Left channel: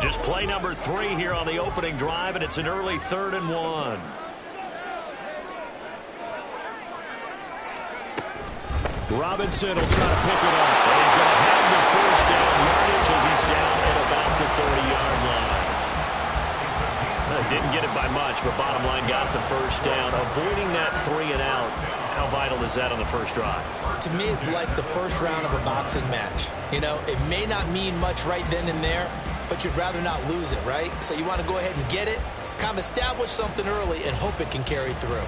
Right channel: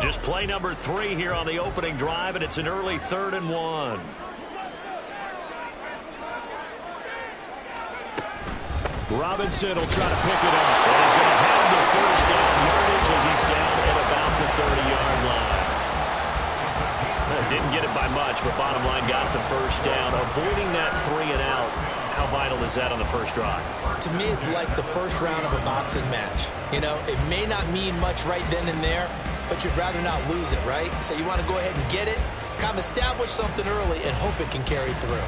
Just play number 3 here on the opening drive, and it's an early 3rd and 1. Robinson will try to pick it up. And he's going to have the first down yardage as he's down at about the 30-yard line. Didn't get it by much, but bottom line got the first down. Avoiding that 3 and out. How vital is that on the first drive? To me, it's like the first round of a boxing match. You know, it may not mean much right then and there, but you'd rather not lose it, right? So you want to go ahead and get it, kind of establish something early, and hope it can carry through.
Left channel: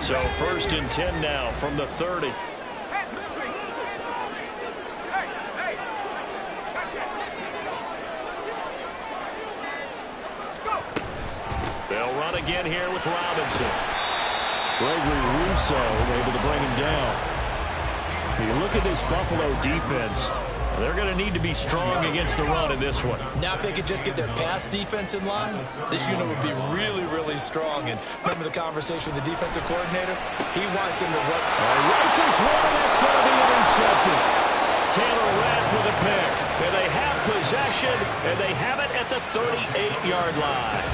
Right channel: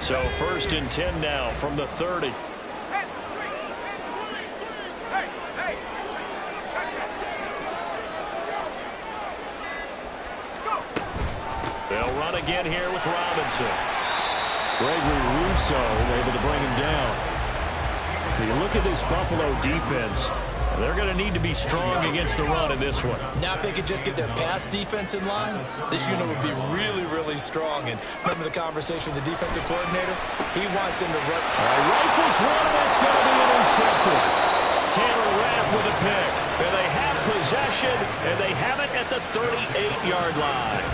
So 1st and 10 now from the 30. They'll run again here with Robinson. Gregory Rousseau able to bring him down. When you look at this Buffalo defense, they're going to need to be strong against the run in this one. Now if they could just get their pass defense in line, this unit would be really, really strong. And remember the conversation with the defensive coordinator? He wants them to run. All right, rifles one, and that's going to be intercepted. Taylor Rapp with a pick. And they have possession, and they have it at the 38-yard line.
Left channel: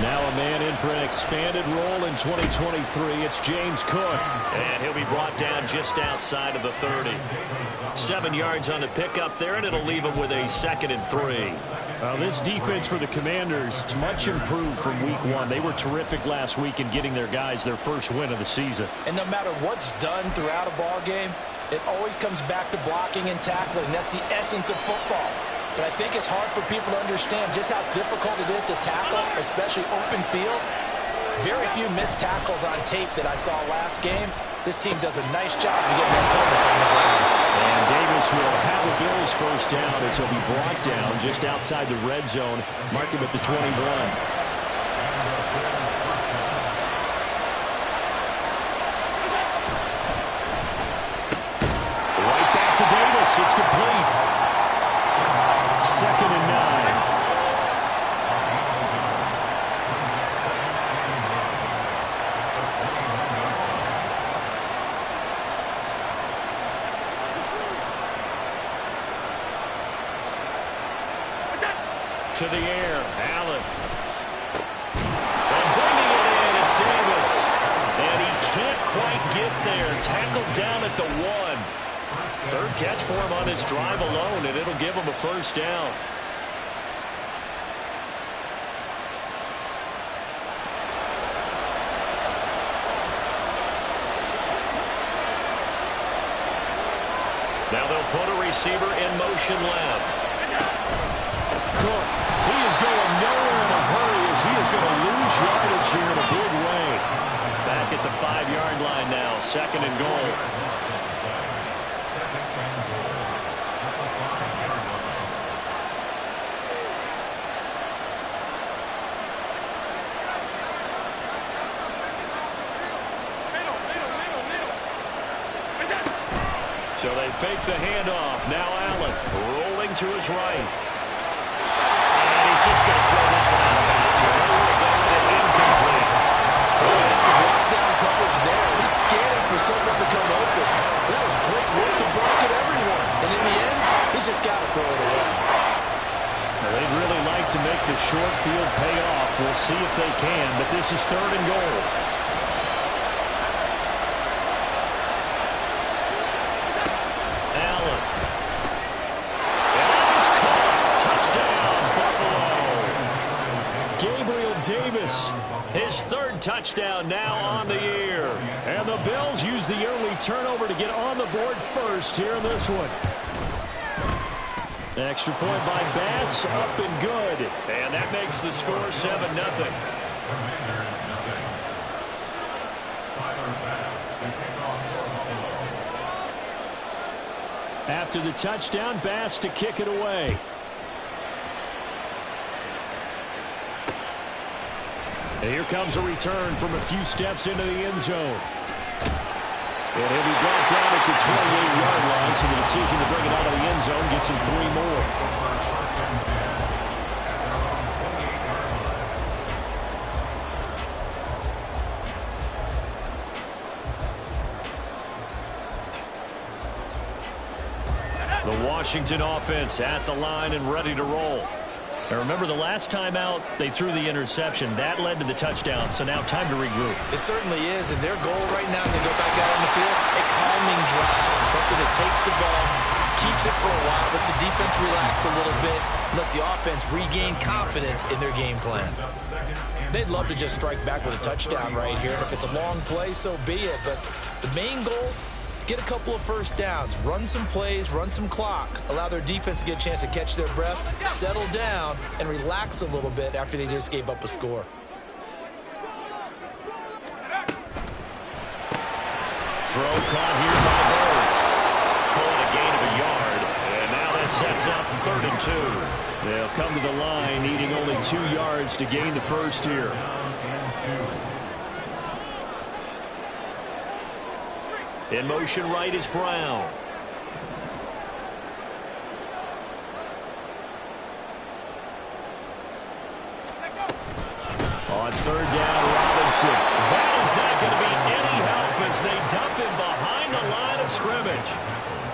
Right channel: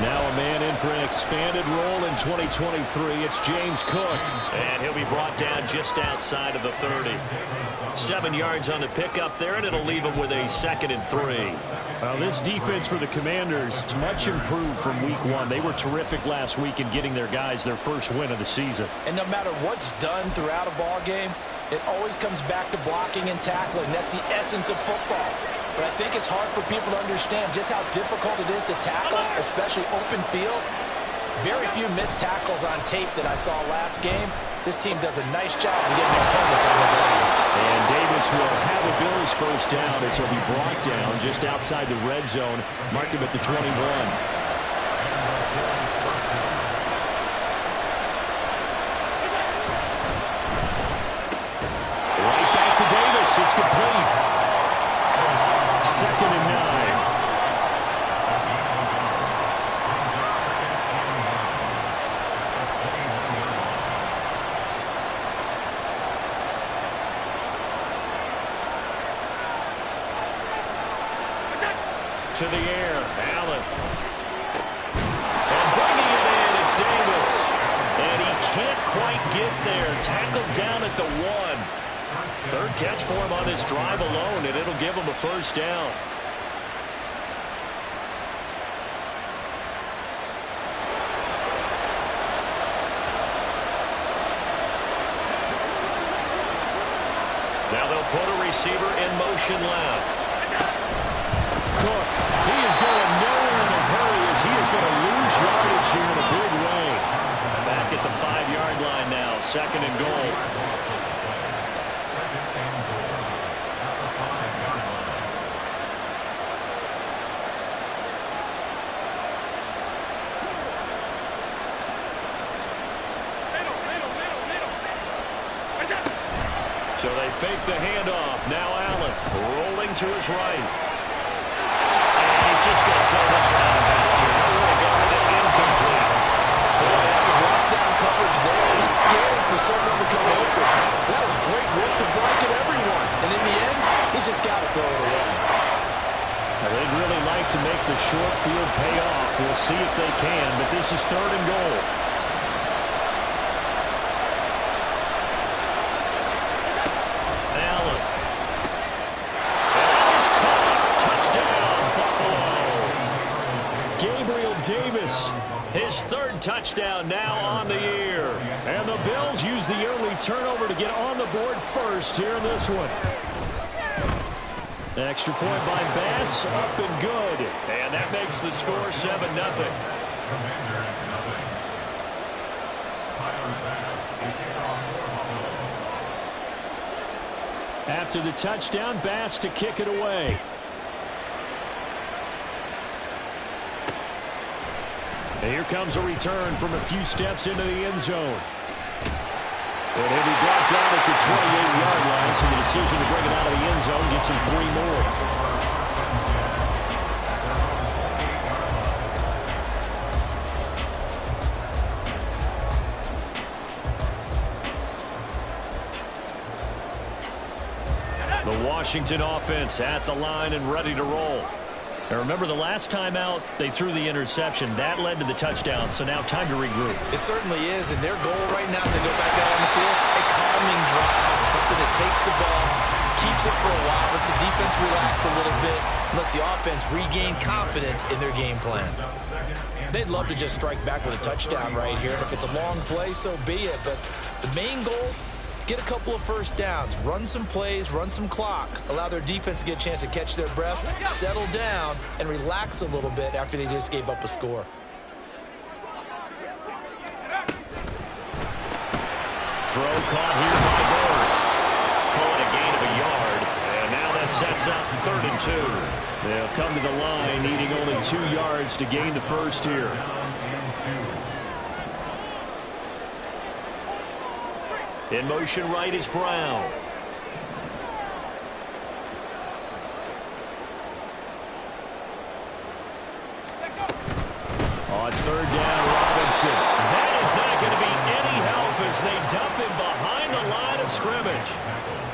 Now a man in for an expanded role in 2023. It's James Cook. And he'll be brought down just outside of the 30. 7 yards on the pickup there, and it'll leave him with a 2nd and 3. Well, this defense for the Commanders is much improved from week 1. They were terrific last week in getting their guys their first win of the season. And no matter what's done throughout a ball game, it always comes back to blocking and tackling. That's the essence of football. But I think it's hard for people to understand just how difficult it is to tackle, especially open field. Very few missed tackles on tape that I saw last game. This team does a nice job of getting their opponents on the ground. And Davis will have a Bills first down as he'll be brought down just outside the red zone. Mark him at the 21. Right back to Davis. It's complete. 2nd and 9. To the air, Allen. And bringing it in, it's Davis. And he can't quite get there. Tackled down at the 1. 3rd catch for him on this drive alone, and it'll give him a first down. Now they'll put a receiver in motion left. Cook, he is going nowhere in a hurry as he is going to lose yardage here in a big way. Back at the 5-yard line now, 2nd and goal. So they fake the handoff. Now Allen rolling to his right. And he's just going to throw this one out of bounds here. Nowhere to go with it. Incomplete. Boy, that was lockdown coverage there. He's scanning for someone to come open. That was great work to blanket everyone. And in the end, he's just got to throw it away. Now, they'd really like to make the short field pay off. We'll see if they can, but this is 3rd and goal. Allen. And that is caught. Touchdown, Buffalo. Gabriel Davis. His 3rd touchdown now on the year. And the Bills use the early turnover to get on the board first here in this one. Extra point by Bass, up and good. And that makes the score 7-0. Commanders nothing. Tyler Bass, the kickoff for Buffalo. After the touchdown, Bass to kick it away. And here comes a return from a few steps into the end zone. And he'll be brought down at the 28-yard line, so the decision to bring it out of the end zone gets him 3 more. The Washington offense at the line and ready to roll. And remember, the last time out, they threw the interception. That led to the touchdown, so now time to regroup. It certainly is, and their goal right now as they go back out on the field, a calming drive, something that takes the ball, keeps it for a while, lets the defense relax a little bit, lets the offense regain confidence in their game plan. They'd love to just strike back with a touchdown right here, and if it's a long play, so be it. But the main goal, get a couple of first downs, run some plays, run some clock, allow their defense to get a chance to catch their breath, settle down, and relax a little bit after they just gave up a score. Throw caught here by Bird. Call it a gain of a yard. And now that sets up 3rd and 2. They'll come to the line needing only 2 yards to gain the first here. In motion right is Brown. On 3rd down, Robinson. That is not going to be any help as they dump him behind the line of scrimmage.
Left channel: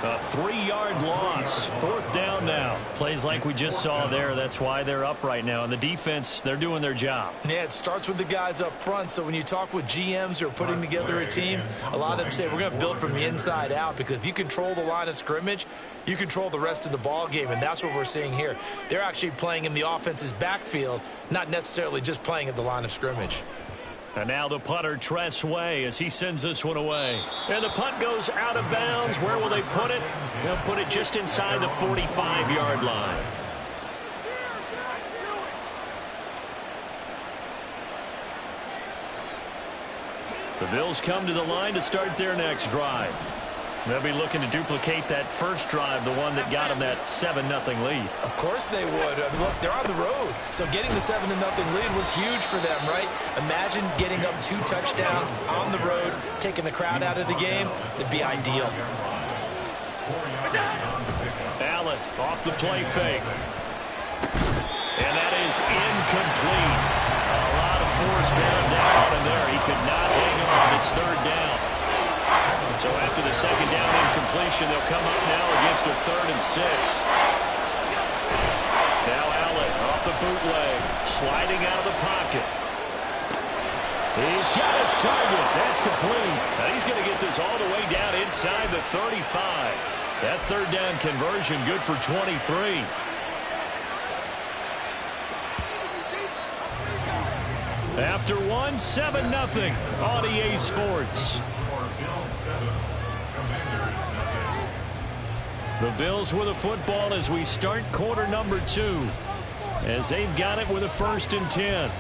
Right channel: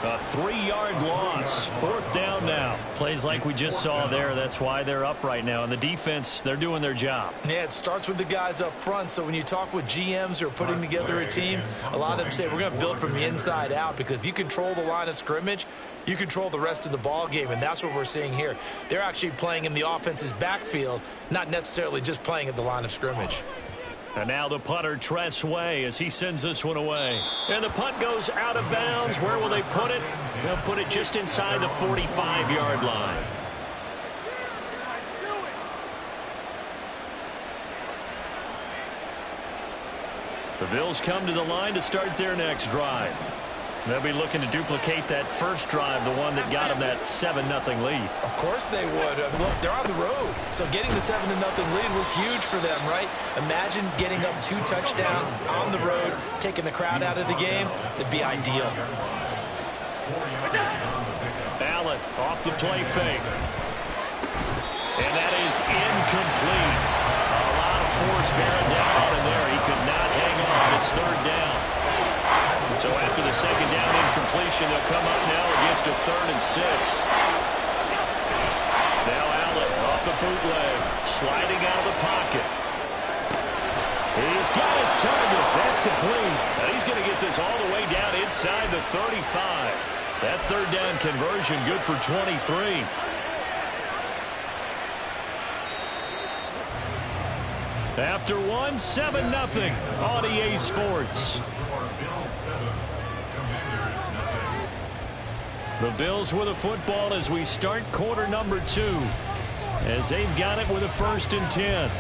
A 3-yard loss. 4th down now. Plays like we just saw there. That's why they're up right now. And the defense, they're doing their job. Yeah, it starts with the guys up front. So when you talk with GMs who are putting together a team, a lot of them say we're going to build from the inside out, because if you control the line of scrimmage, you control the rest of the ball game, and that's what we're seeing here. They're actually playing in the offense's backfield, not necessarily just playing at the line of scrimmage. And now the punter, Tress Way, as he sends this one away. And the punt goes out of bounds. Where will they put it? They'll put it just inside the 45-yard line. The Bills come to the line to start their next drive. They'll be looking to duplicate that first drive, the one that got them that 7-0 lead. Of course they would. Look, they're on the road, so getting the 7-0 lead was huge for them, right? Imagine getting up 2 touchdowns on the road, taking the crowd out of the game. It'd be ideal. Allen off the play fake. And that is incomplete. A lot of force bearing down on him there. He could not hang on. It's 3rd down. So after the 2nd down incompletion, they'll come up now against a 3rd and 6. Now Allen off the bootleg, sliding out of the pocket. He's got his target. That's complete. Now he's going to get this all the way down inside the 35. That 3rd down conversion good for 23. After 1, 7-0 on EA Sports. The Bills with a football as we start quarter number 2, as they've got it with a 1st and 10.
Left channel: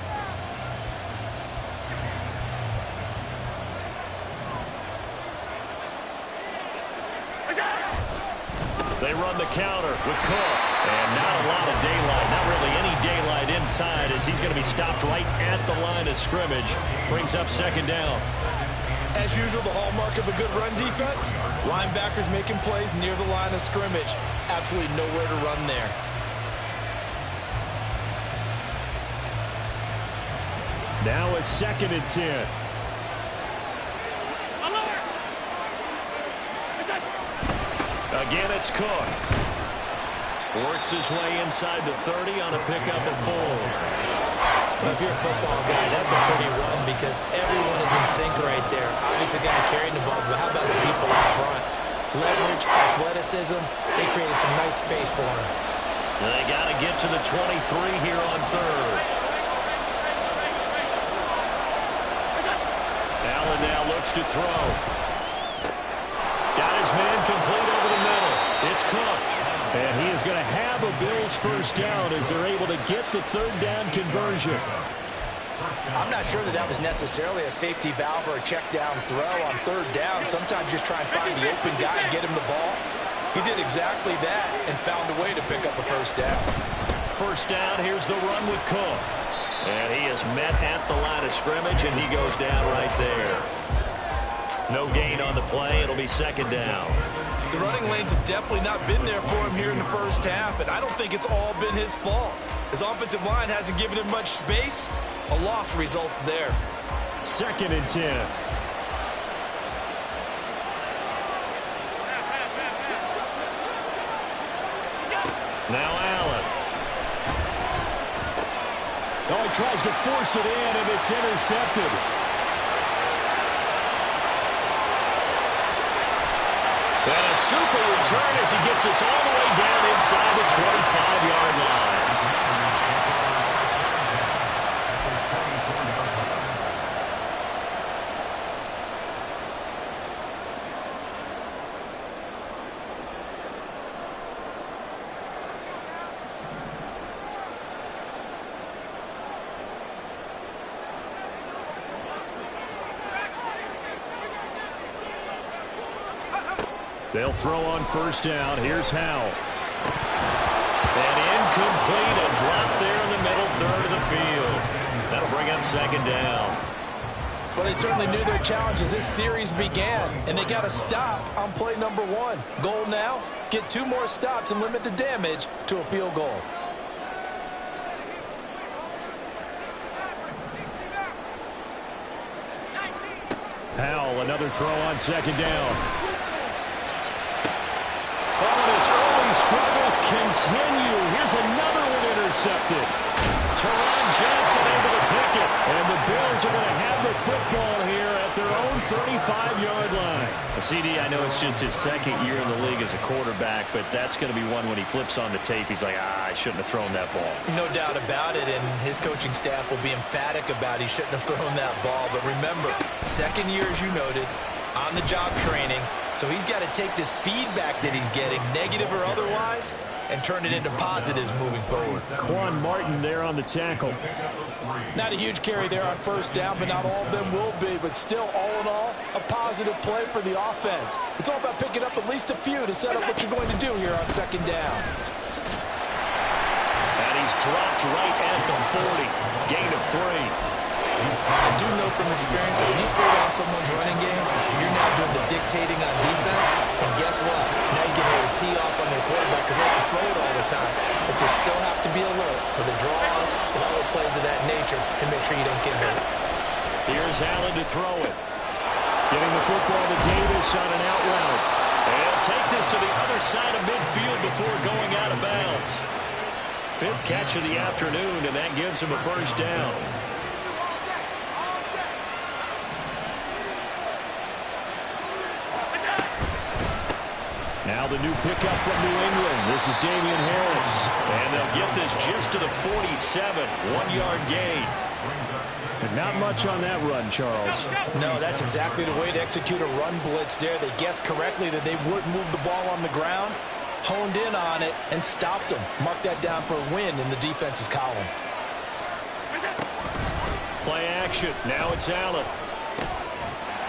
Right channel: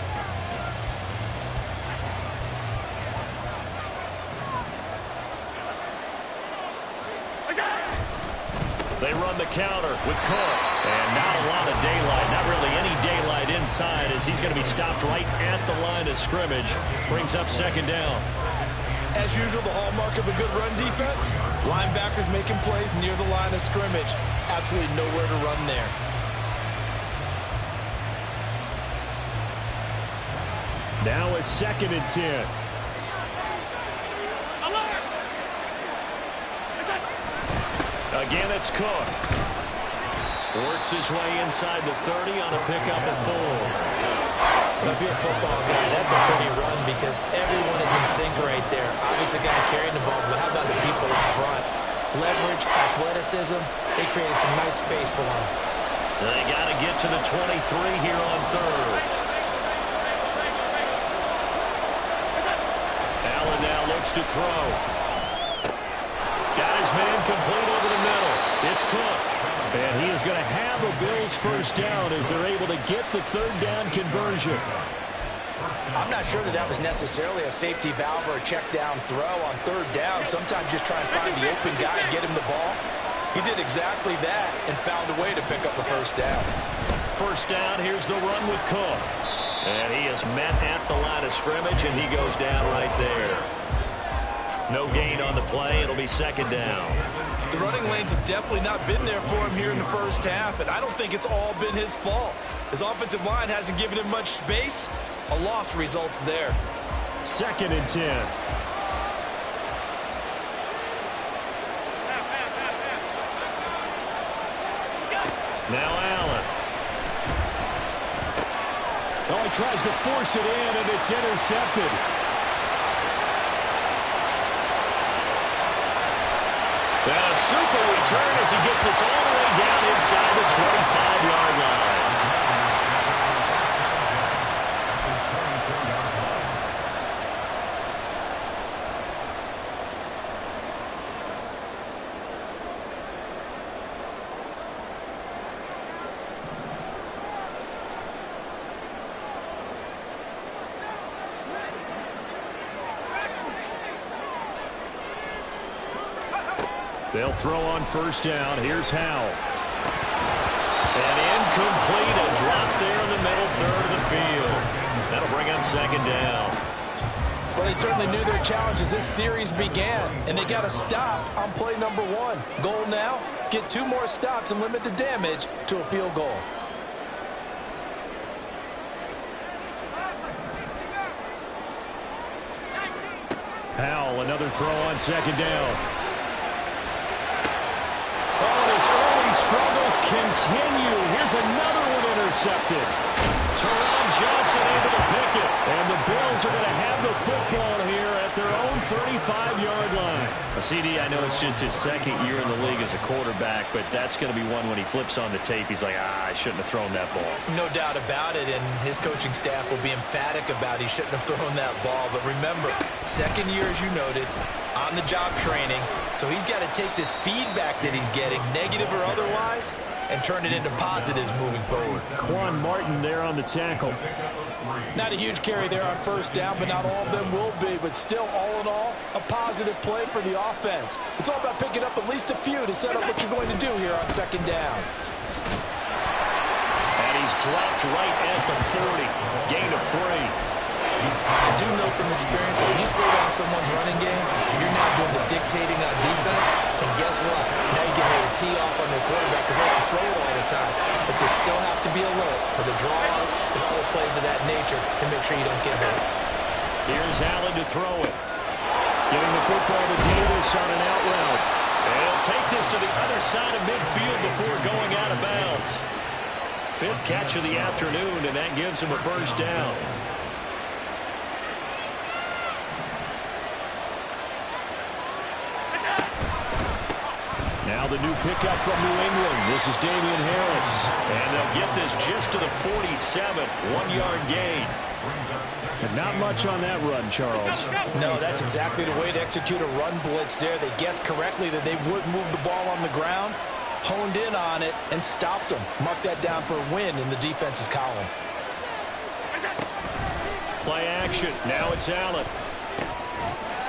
They run the counter with Cook. And not a lot of daylight, not really any daylight inside, as he's going to be stopped right at the line of scrimmage. Brings up 2nd down. As usual, the hallmark of a good run defense, linebackers making plays near the line of scrimmage. Absolutely nowhere to run there. Now a 2nd and 10. Again, it's Cook. Works his way inside the 30 on a pickup of 4. Well, if you're a football guy, that's a pretty run because everyone is in sync right there. Obviously, the guy carrying the ball, but how about the people up front? Leverage, athleticism, they created some nice space for him. They got to get to the 23 here on 3rd. Allen now looks to throw. Got his man complete over the middle. It's Cook. And he is going to have a Bills 1st down as they're able to get the 3rd down conversion. I'm not sure that was necessarily a safety valve or a check down throw on 3rd down. Sometimes just try and find the open guy and get him the ball. He did exactly that and found a way to pick up a first down. First down, here's the run with Cook. And he is met at the line of scrimmage, and he goes down right there. No gain on the play. It'll be second down. The running lanes have definitely not been there for him here in the first half, and I don't think it's all been his fault. His offensive line hasn't given him much space. A loss results there. 2nd and 10. Now Allen. Oh, he tries to force it in, and it's intercepted. And a super return as he gets us all the way down inside the 25-yard line. They'll throw on first down. Here's Howell. And incomplete, a drop there in the middle third of the field. That'll bring up second down. Well, they certainly knew their challenge as this series began, and they got to stop on play number 1. Goal now, get 2 more stops and limit the damage to a field goal. Howell, another throw on second down. Oh, and his early struggles continue. Here's another one intercepted. Teron Johnson able to pick it. And the Bills are going to have the football here at their own 35-yard line. CD, I know it's just his 2nd year in the league as a quarterback, but that's going to be one when he flips on the tape, he's like, I shouldn't have thrown that ball. No doubt about it, and his coaching staff will be emphatic about he shouldn't have thrown that ball. But remember, 2nd year, as you noted, on-the-job training, so he's got to take this feedback that he's getting, negative or otherwise, and turn it into positives moving forward. Quan Martin there on the tackle. Not a huge carry there on first down, but not all of them will be. But still, all in all, a positive play for the offense. It's all about picking up at least a few to set up what you're going to do here on second down. And he's dropped right at the 40. Gain of 3. I do know from experience that when you slow down someone's running game, you're now doing the dictating on defense. And guess what? Now you're getting ready to tee off on their quarterback because they have to throw it all the time. But you still have to be alert for the draws and other plays of that nature and make sure you don't get hurt. Here's Allen to throw it. Giving the football to Davis on an out route. And he'll take this to the other side of midfield before going out of bounds. 5th catch of the afternoon, and that gives him a first down. Now the new pickup from New England. This is Damian Harris. And they'll get this just to the 47. 1-yard gain. But not much on that run, Charles. No, that's exactly the way to execute a run blitz there. They guessed correctly that they would move the ball on the ground, honed in on it, and stopped them. Mark that down for a win in the defense's column. Play action. Now it's Allen.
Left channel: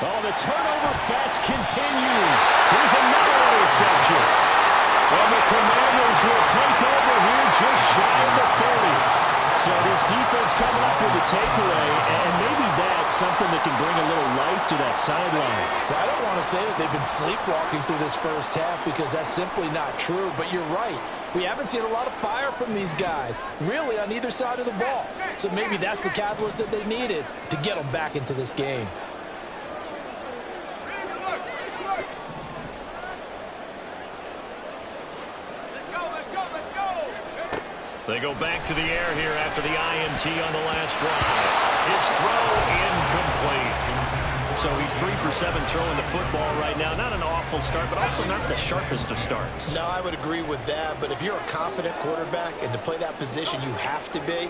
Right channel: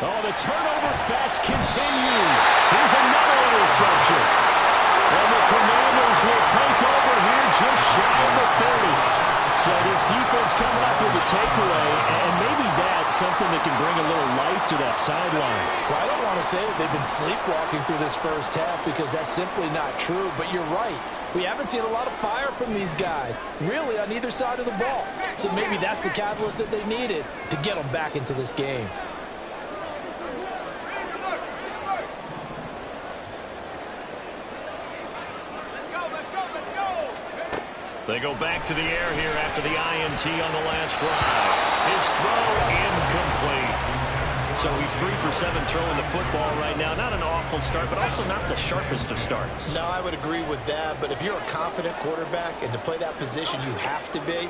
Oh, the turnover fest continues. Here's another interception. And the Commanders will take over here just shy of the 30. So this defense coming up with a takeaway, and maybe that's something that can bring a little life to that sideline. Well, I don't want to say that they've been sleepwalking through this first half because that's simply not true, but you're right. We haven't seen a lot of fire from these guys, really on either side of the ball. So maybe that's the catalyst that they needed to get them back into this game. They go back to the air here after the INT on the last drive. His throw incomplete. So he's 3 for 7 throwing the football right now. Not an awful start, but also not the sharpest of starts. No, I would agree with that. But if you're a confident quarterback and to play that position you have to be,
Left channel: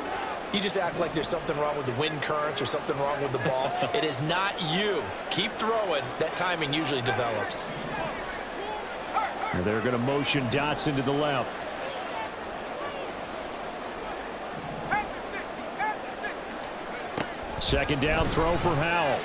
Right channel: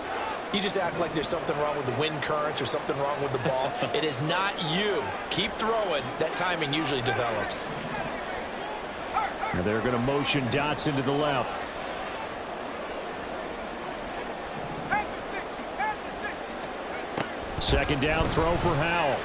you just act like there's something wrong with the wind currents or something wrong with the ball. It is not you. Keep throwing. That timing usually develops. And they're going to motion Dotson to the left. Second down throw for Howell.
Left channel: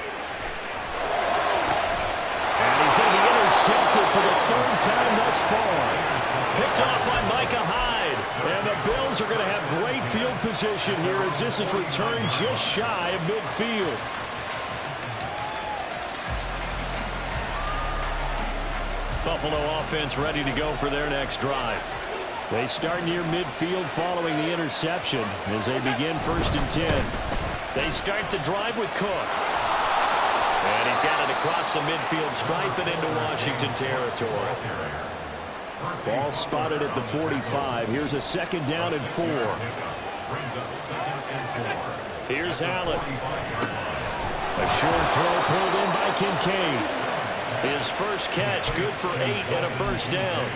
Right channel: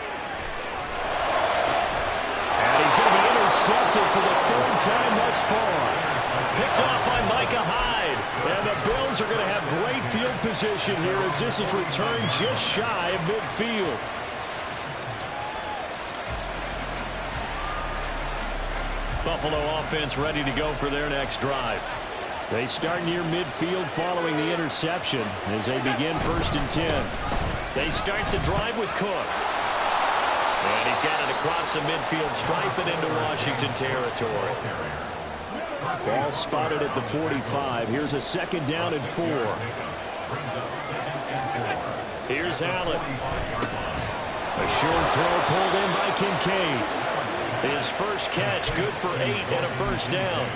And he's going to be intercepted for the third time thus far. Picked off by Micah Hyde. And the Bills are going to have great field position here as this is returned just shy of midfield. Buffalo offense ready to go for their next drive. They start near midfield following the interception as they begin 1st and 10. They start the drive with Cook. And he's got it across the midfield stripe and into Washington territory. Ball spotted at the 45. Here's a 2nd down and 4. Here's Allen. A short throw pulled in by Kincaid. His first catch, good for 8 and a 1st down.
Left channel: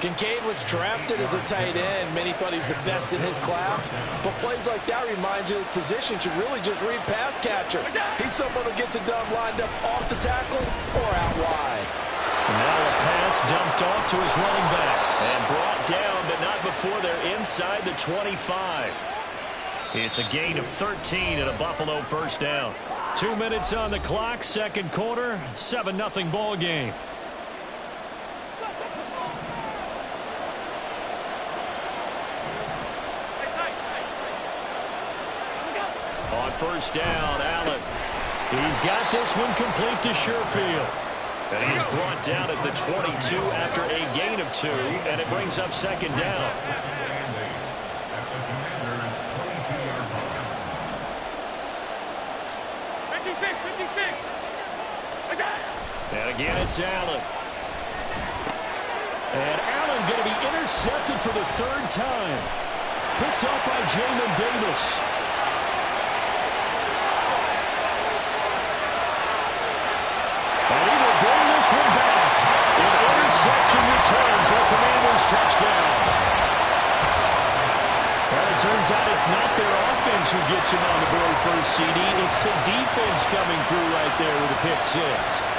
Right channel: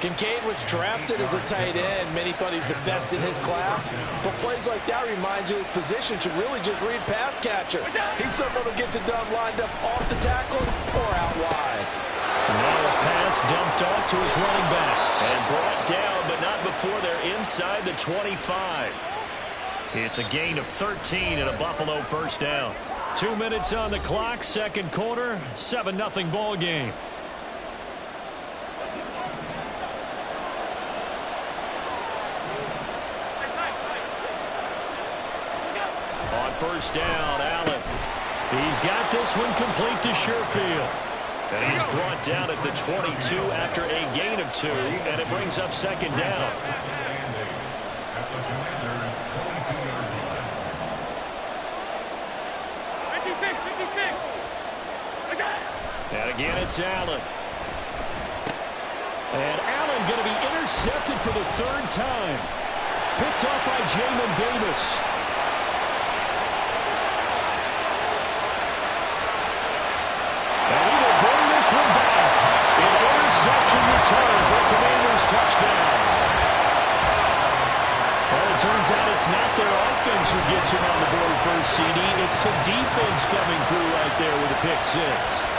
Kincaid was drafted as a tight end. Many thought he was the best in his class. But plays like that remind you his position should really just read pass catcher. He's someone who gets it done lined up off the tackle or out wide. And now a pass dumped off to his running back. And brought down, but not before they're inside the 25. It's a gain of 13 and a Buffalo 1st down. 2 minutes on the clock, 2nd quarter, 7-0 ball game. On 1st down, Allen. He's got this one complete to Sherfield. And he's brought down at the 22 after a gain of 2, and it brings up 2nd down. At the Commanders' 22-yard line. 56. And again, it's Allen. And Allen going to be intercepted for the 3rd time. Picked off by Jamin Davis. And he will bring this one back. An interception return for a Commanders touchdown. Well, it turns out it's not their offense who gets him on the board first, CD. It's the defense coming through right there with a pick 6.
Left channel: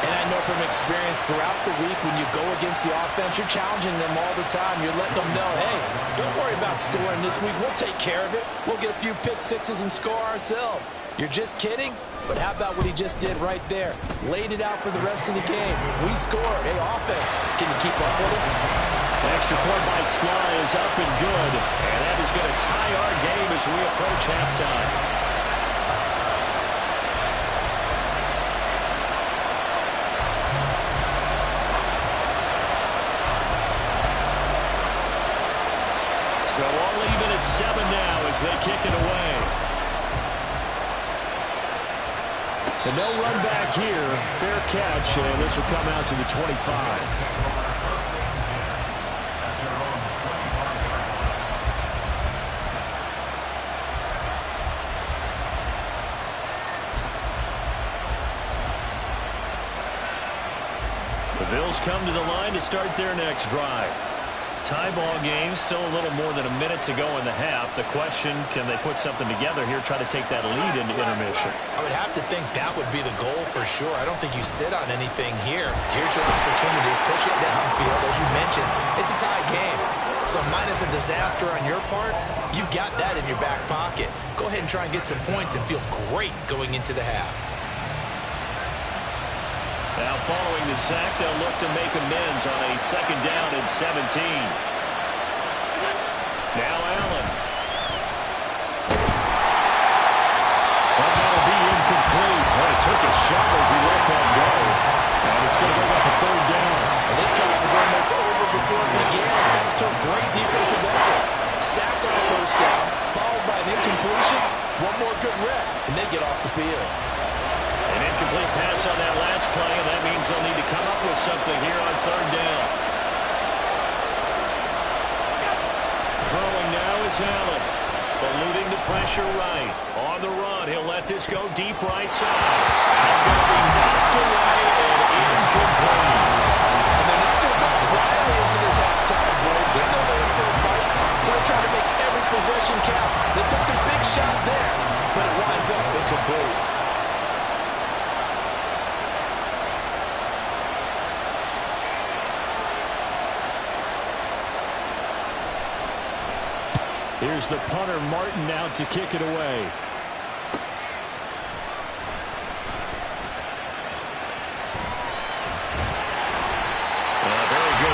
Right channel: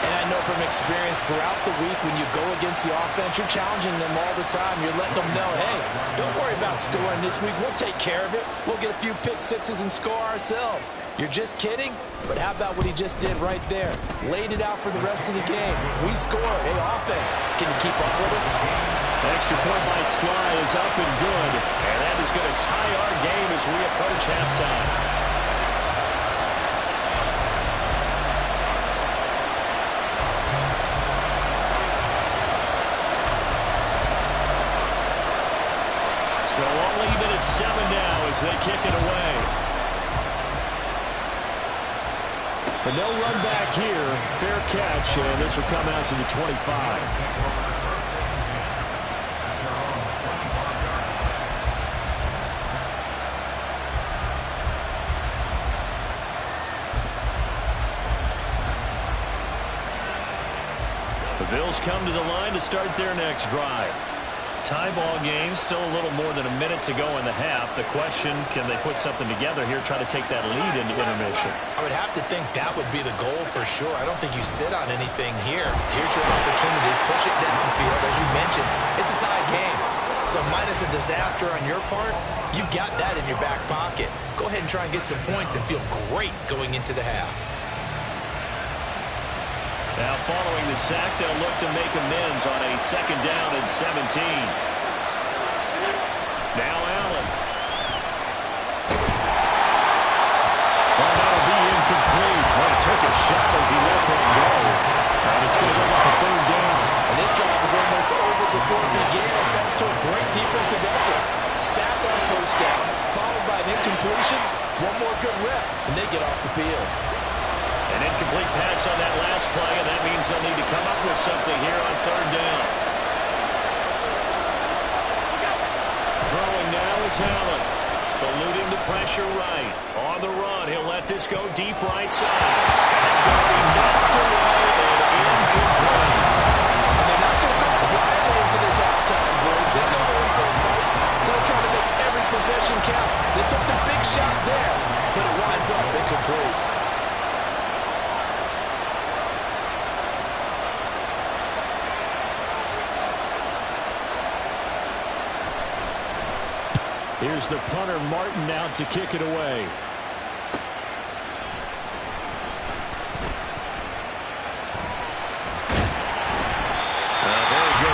And I know from experience throughout the week when you go against the offense, you're challenging them all the time. You're letting them know, hey, don't worry about scoring this week. We'll take care of it. We'll get a few pick 6s and score ourselves. You're just kidding? But how about what he just did right there? Laid it out for the rest of the game. We scored. Hey, offense, can you keep up with us? Extra point by Sly is up and good. And that is going to tie our game as we approach halftime. So all even at 7 now as they kick it away. But no run back here. Fair catch, and this will come out to the 25. The Bills come to the line to start their next drive. Tie ball game, still a little more than a minute to go in the half. The question, can they put something together here, try to take that lead into intermission? I would have to think that would be the goal for sure. I don't think you sit on anything here. Here's your opportunity. Push it downfield. As you mentioned, it's a tie game. So minus a disaster on your part, you've got that in your back pocket. Go ahead and try and get some points and feel great going into the half. Now following the sack, they'll look to make amends on a 2nd down and 17. Now Allen. Well, that'll be incomplete. Well, it took a shot as he let that go. And it's going to bring up a 3rd down. And this drive was almost over before it began, thanks to a great defensive effort. Sack on 1st down, followed by an incompletion. One more good rep, and they get off the field. An incomplete pass on that last play, and that means they'll need to come up with something here on 3rd down. Throwing now is Allen. Eluding the pressure right. On the run, he'll let this go deep right side. That's going to be knocked away and incomplete. And they're not going to go quietly into this halftime break. They know they're in for a fight, so they're trying to make every possession count. They took the big shot there, but it winds up incomplete. Here's the punter, Martin, out to kick it away.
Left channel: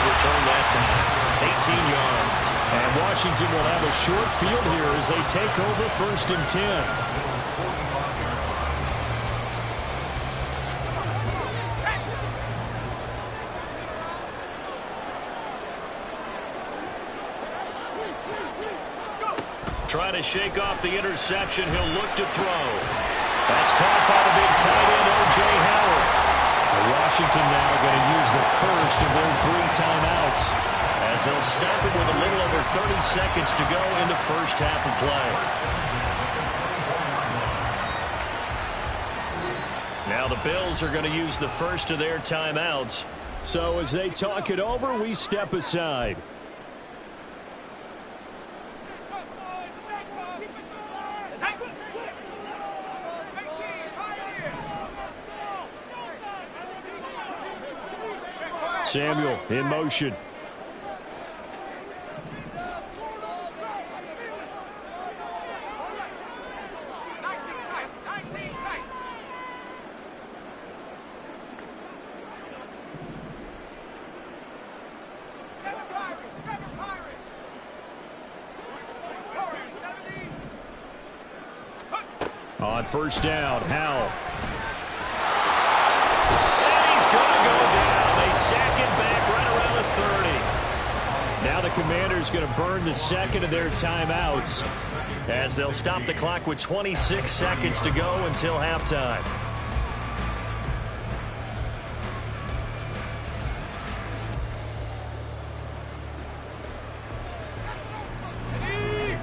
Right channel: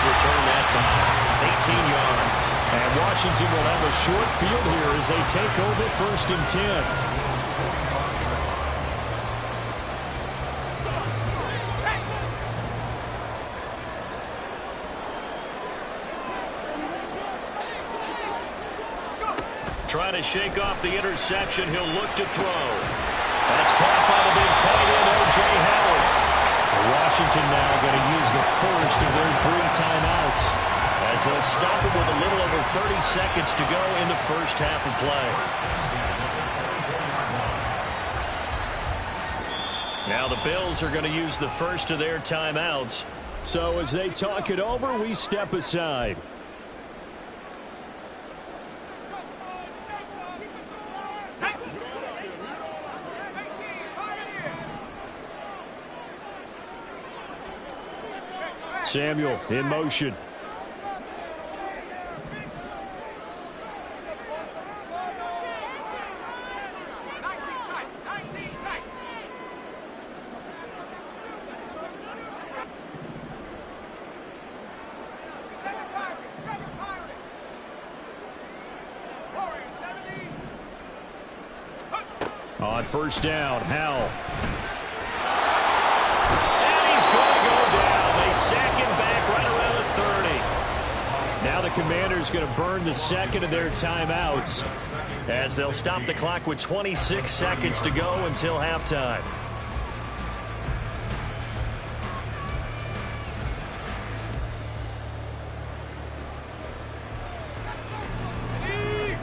return that time. 18 yards. And Washington will have a short field here as they take over 1st and 10. Trying to shake off the interception. He'll look to throw. That's caught by the big tight end, O.J. Howard. Washington now going to use the first of their 3 timeouts, as they'll stop it with a little over 30 seconds to go in the first half of play. Now the Bills are going to use the first of their timeouts. So as they talk it over, we step aside. Samuel in motion. On 1st down, Howell. And he's going to go down. They sack him back right around the 30. Now the Commanders going to burn the second of their timeouts, as they'll stop the clock with 26 seconds to go until halftime.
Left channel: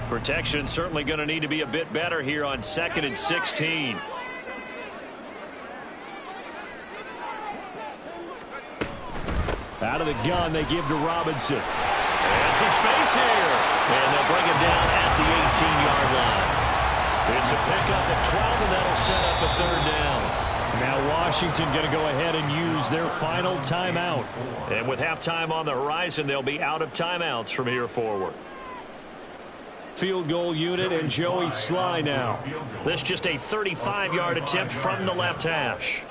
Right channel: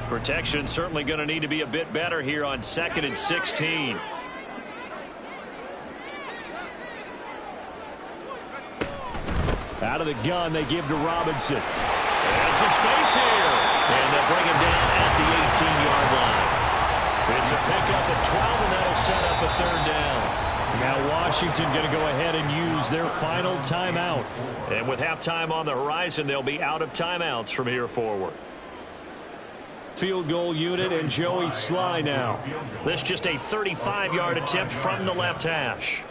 Protection certainly going to need to be a bit better here on 2nd and 16. Out of the gun, they give to Robinson. And some space here. And they'll bring him down at the 18-yard line. It's a pickup of 12, and that'll set up a 3rd down. Now Washington going to go ahead and use their final timeout. And with halftime on the horizon, they'll be out of timeouts from here forward. Field goal unit and Joey Sly now. This just a 35-yard attempt from the left hash.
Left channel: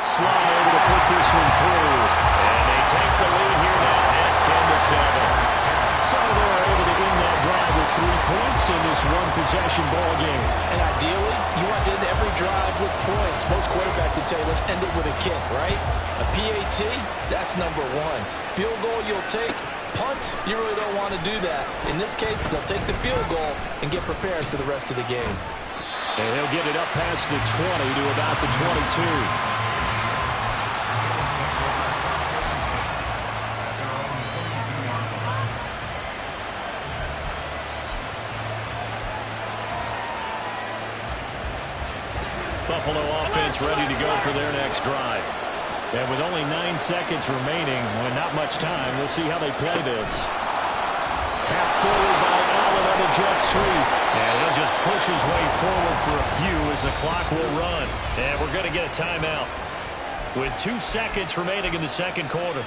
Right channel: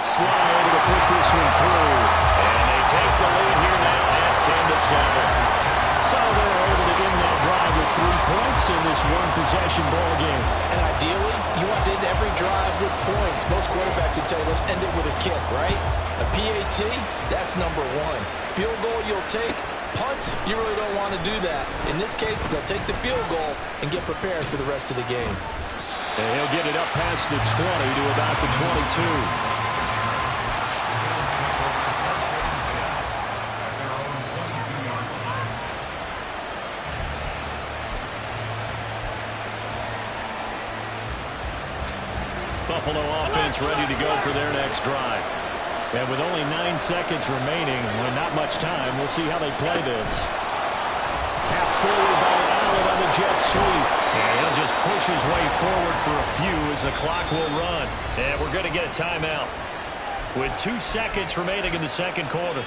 Sly able to put this one through. And they take the lead here now at 10-7. So they're able to end that drive with 3 points in this one-possession ball game. And ideally, you want to end every drive with points. Most quarterbacks would tell you, let's end it with a kick, right? A PAT, that's number 1. Field goal you'll take. Punts, you really don't want to do that. In this case, they'll take the field goal and get prepared for the rest of the game. And he'll get it up past the 20 to about the 22. Buffalo offense ready to go for their next drive. And with only 9 seconds remaining, when not much time, we'll see how they play this. Tapped forward by Allen on the jet sweep. And he'll just push his way forward for a few as the clock will run. And we're going to get a timeout with 2 seconds remaining in the second quarter.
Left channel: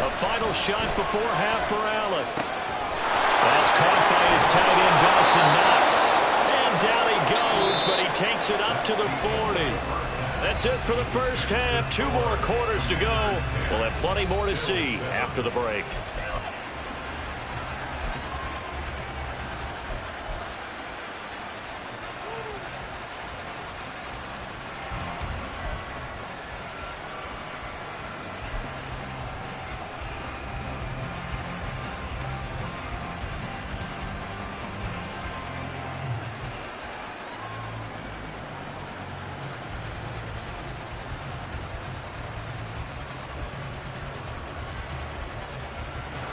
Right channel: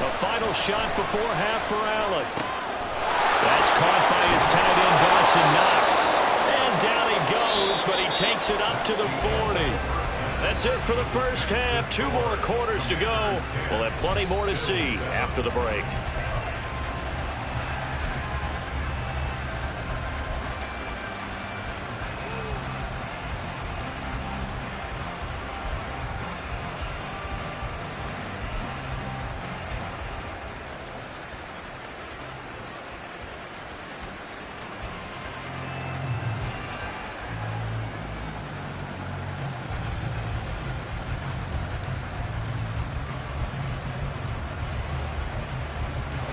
A final shot before half for Allen. That's caught by his tight end, Dawson Knox. And down he goes, but he takes it up to the 40. That's it for the first half. 2 more quarters to go. We'll have plenty more to see after the break.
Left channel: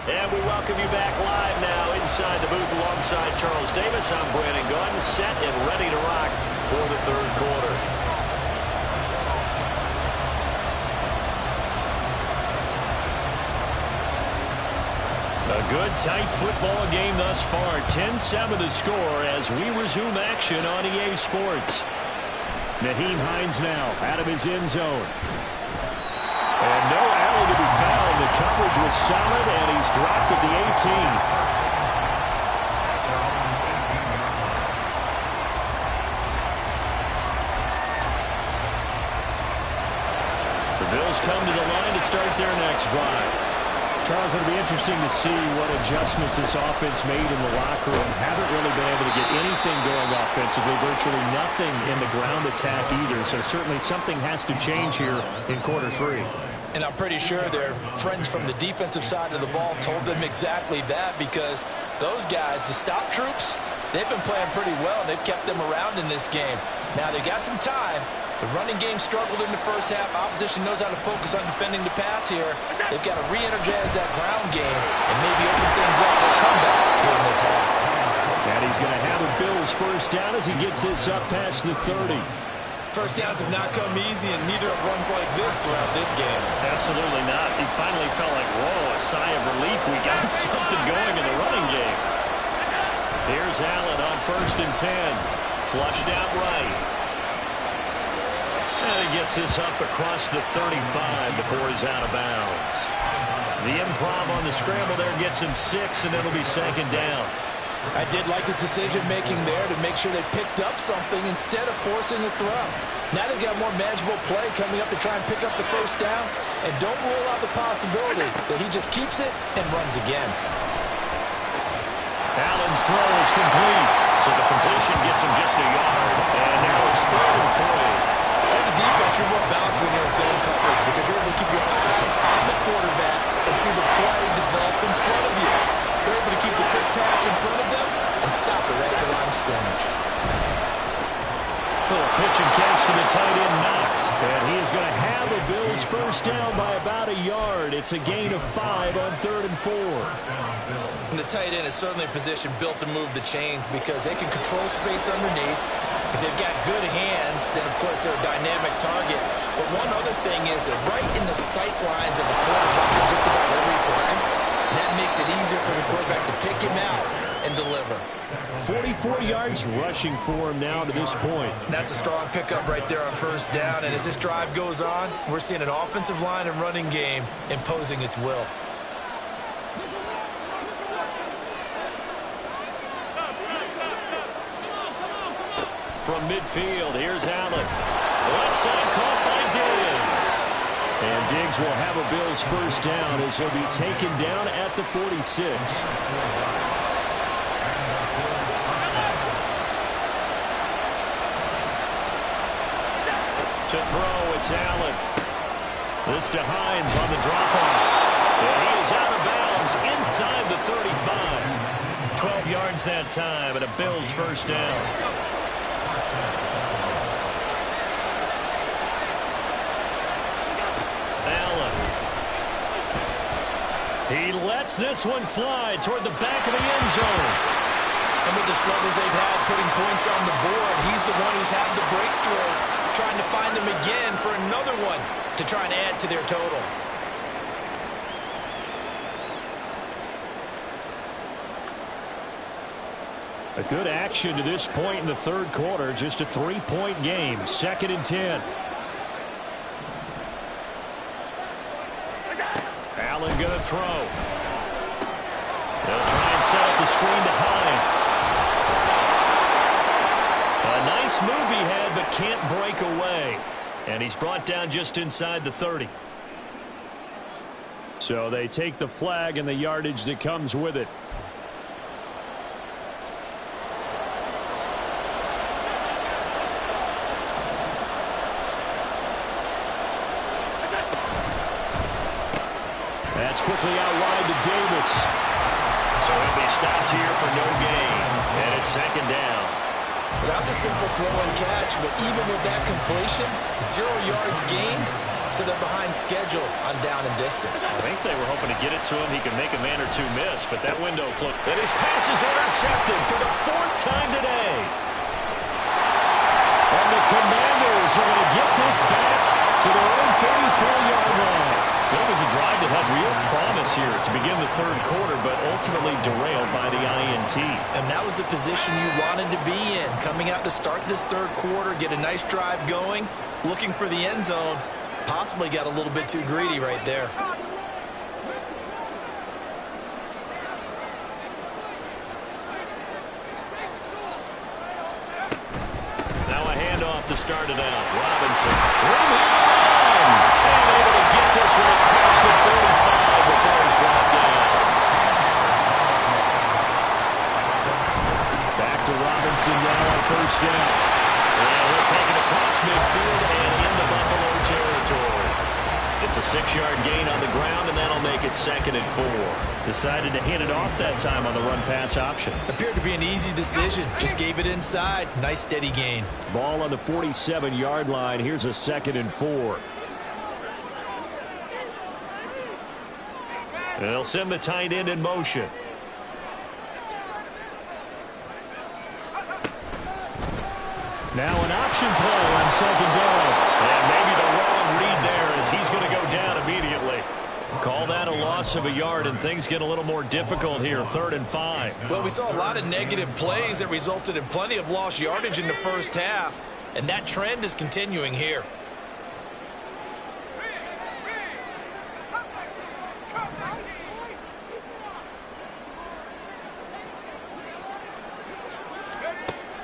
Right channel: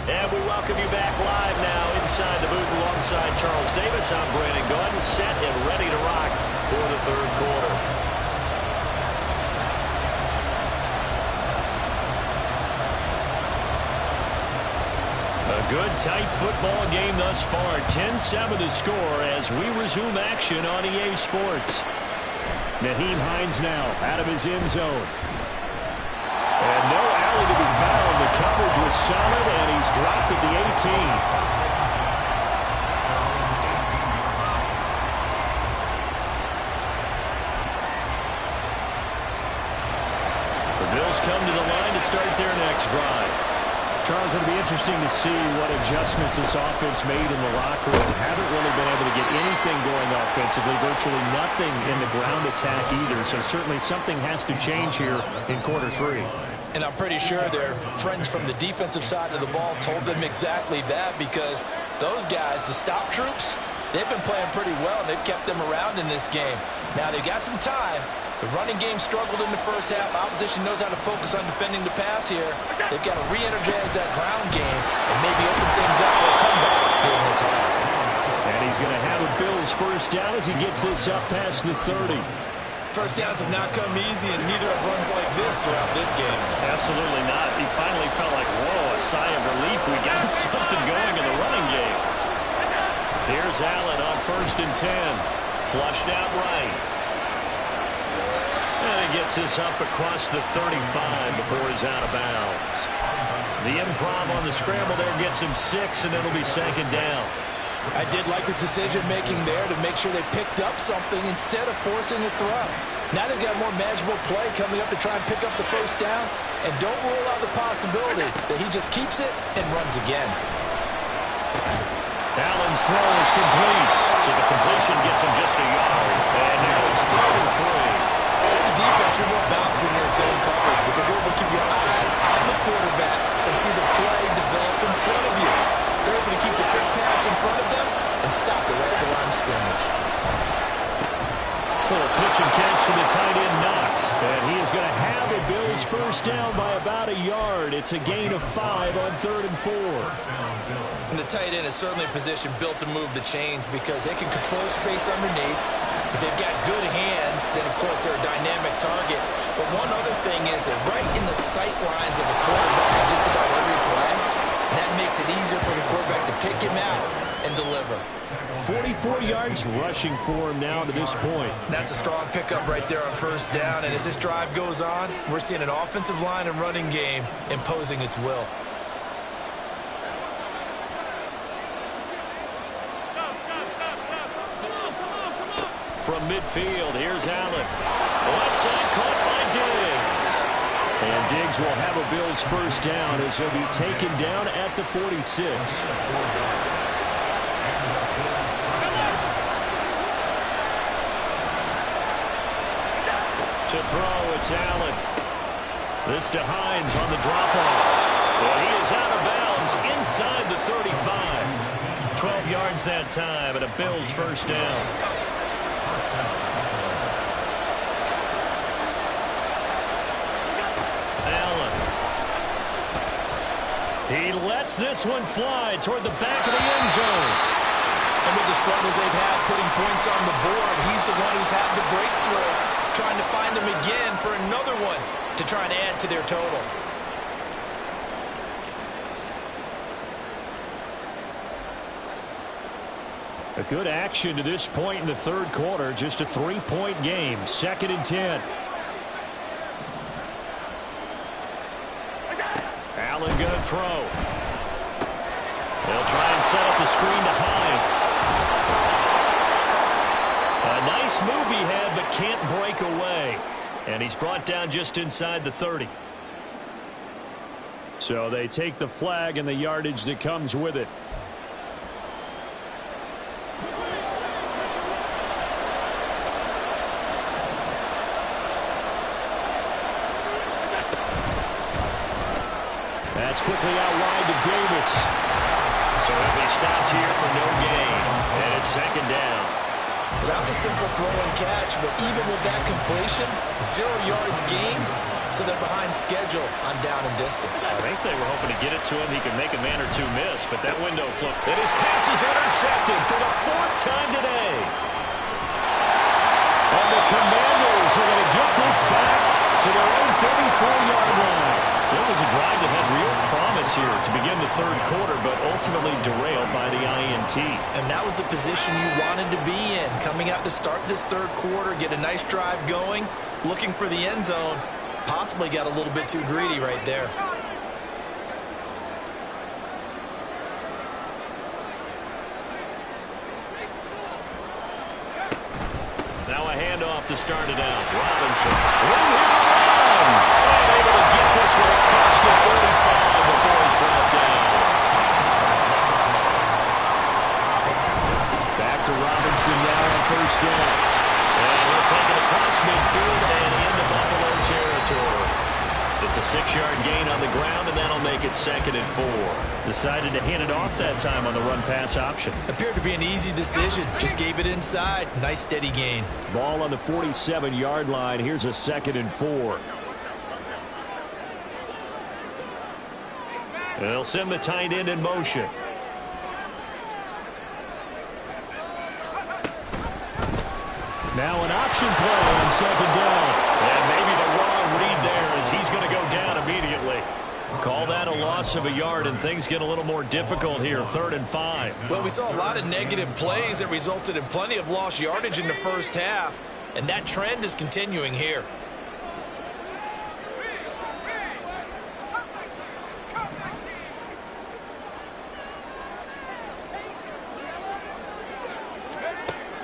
And we welcome you back live now inside the booth alongside Charles Davis. I'm Brandon Gunn, set and ready to rock for the third quarter. A good, tight football game thus far. 10-7 the score as we resume action on EA Sports. Nyheim Hines now out of his end zone. And no Allen to be found. and the coverage was solid, and he's dropped at the 18. The Bills come to the line to start their next drive. Charles, it'll be interesting to see what adjustments this offense made in the locker room. Haven't really been able to get anything going offensively, virtually nothing in the ground attack either. So certainly something has to change here in quarter three. And I'm pretty sure their friends from the defensive side of the ball told them exactly that, because those guys, the stop troops, they've been playing pretty well. They've kept them around in this game. Now they've got some time. The running game struggled in the first half. Opposition knows how to focus on defending the pass here. They've got to re-energize that ground game and maybe open things up for a comeback here in this half. And he's going to have a Bills first down as he gets this up past the 30. First downs have not come easy, and neither have runs like this throughout this game. Absolutely not. He finally felt like, whoa, a sigh of relief. We got something going in the running game. Here's Allen on 1st and 10. Flushed out right. And he gets this up across the 35 before he's out of bounds. The improv on the scramble there gets him 6, and it'll be 2nd down. I did like his decision-making there to make sure they picked up something instead of forcing a throw. Now they've got more manageable play coming up to try and pick up the first down, and don't rule out the possibility that he just keeps it and runs again. Allen's throw is complete, so the completion gets him just a yard, and now it's 3rd and 3. As a defense, you're more balanced when you're in zone coverage because you're able to keep your eyes on the quarterback and see the play develop in front of you. They're able to keep the quick pass in front of them and stop it right at the line of scrimmage. Little pitch and catch to the tight end, Knox. And he is going to have a Bills first down by about a yard. It's a gain of 5 on 3rd and 4. And the tight end is certainly a position built to move the chains because they can control space underneath. If they've got good hands, then, of course, they're a dynamic target. But one other thing is that right in the sight lines of a quarterback on just about every play, and that makes it easier for the quarterback to pick him out and deliver. 44 yards rushing for him now to this point. That's a strong pickup right there on first down. And as this drive goes on, we're seeing an offensive line and running game imposing its will. From midfield, here's Allen. The left side caught by Diggs. And Diggs will have a Bills first down as he'll be taken down at the 46. To throw, it's Allen. This to Hines on the drop-off. And he is out of bounds inside the 35. 12 yards that time and a Bills first down. Allen. He lets this one fly toward the back of the end zone. And with the struggles they've had putting points on the board, he's the one who's had the breakthrough, trying to find them again for another one to try and add to their total. A good action to this point in the third quarter. Just a 3-point game. 2nd and 10. Allen going to throw. They'll try and set up the screen to Hines. A nice move he had, but can't break away. And he's brought down just inside the 30. So they take the flag and the yardage that comes with it. That's quickly out wide to Davis. So he'll be stopped here for no gain. And it's 2nd down. Well, that was a simple throw and catch, but even with that completion, 0 yards gained, so they're behind schedule on down and distance. I think they were hoping to get it to him. He could make a man or two miss, but that window closed. And his pass is intercepted for the 4th time today. And the Commanders are going to get this back to their own 34-yard line. So it was a drive that had real promise here to begin the third quarter, but ultimately derailed by the INT. And that was the position you wanted to be in, coming out to start this third quarter, get a nice drive going, looking for the end zone. Possibly got a little bit too greedy right there. handoff to start it out. Robinson, room here to run. And able to get this one across the 45 before he's brought down. Back to Robinson now on first down. And he'll take it across midfield and into Buffalo territory. It's a 6-yard gain on the ground, and that'll make it 2nd and 4. Decided to hand it off that time on the run-pass option. Appeared to be an easy decision. Just gave it inside. Nice steady gain. Ball on the 47-yard line. Here's a 2nd and 4. And they'll send the tight end in motion. Now an option play on 2nd down. And maybe the wrong read there as he's going to go down immediately. Call that a loss of a yard, and things get a little more difficult here. 3rd and 5. Well, we saw a lot of negative plays that resulted in plenty of lost yardage in the first half, and that trend is continuing here.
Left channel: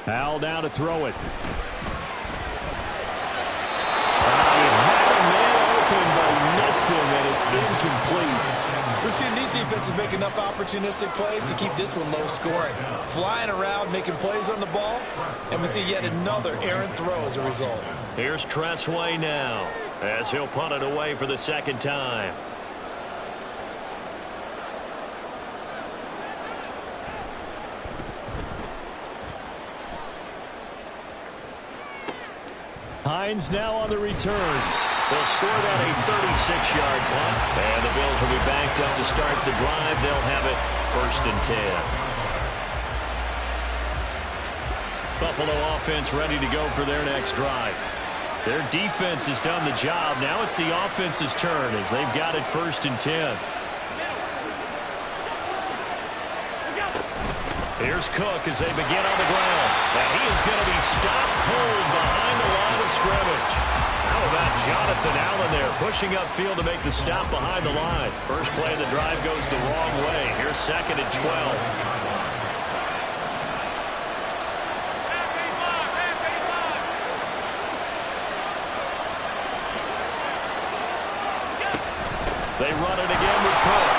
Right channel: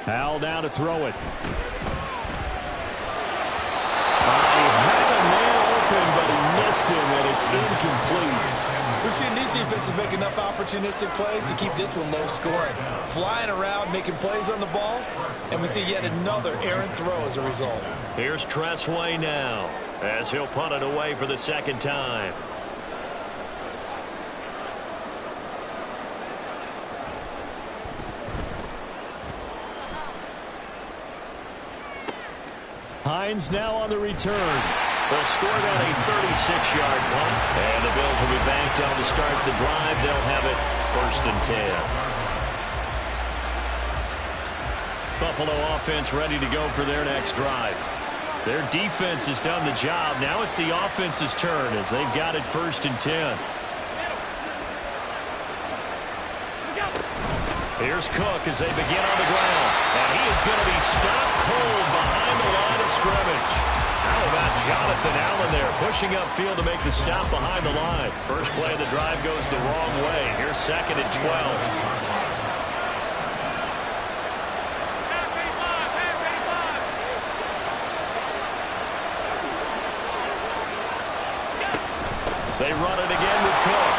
Al down to throw it. He had a man open, but he missed him, and it's incomplete. We've seen these defenses make enough opportunistic plays to keep this one low scoring. Flying around, making plays on the ball, and we see yet another errant throw as a result. Here's Tressway now, as he'll punt it away for the 2nd time. Hines now on the return. They'll score that a 36-yard punt. And the Bills will be banked up to start the drive. They'll have it 1st and 10. Buffalo offense ready to go for their next drive. Their defense has done the job. Now it's the offense's turn as they've got it 1st and 10. Here's Cook as they begin on the ground. And he is going to be stopped cold behind the line of scrimmage. How about Jonathan Allen there pushing upfield to make the stop behind the line. First play of the drive goes the wrong way. Here's 2nd and 12. They run it again with Cook.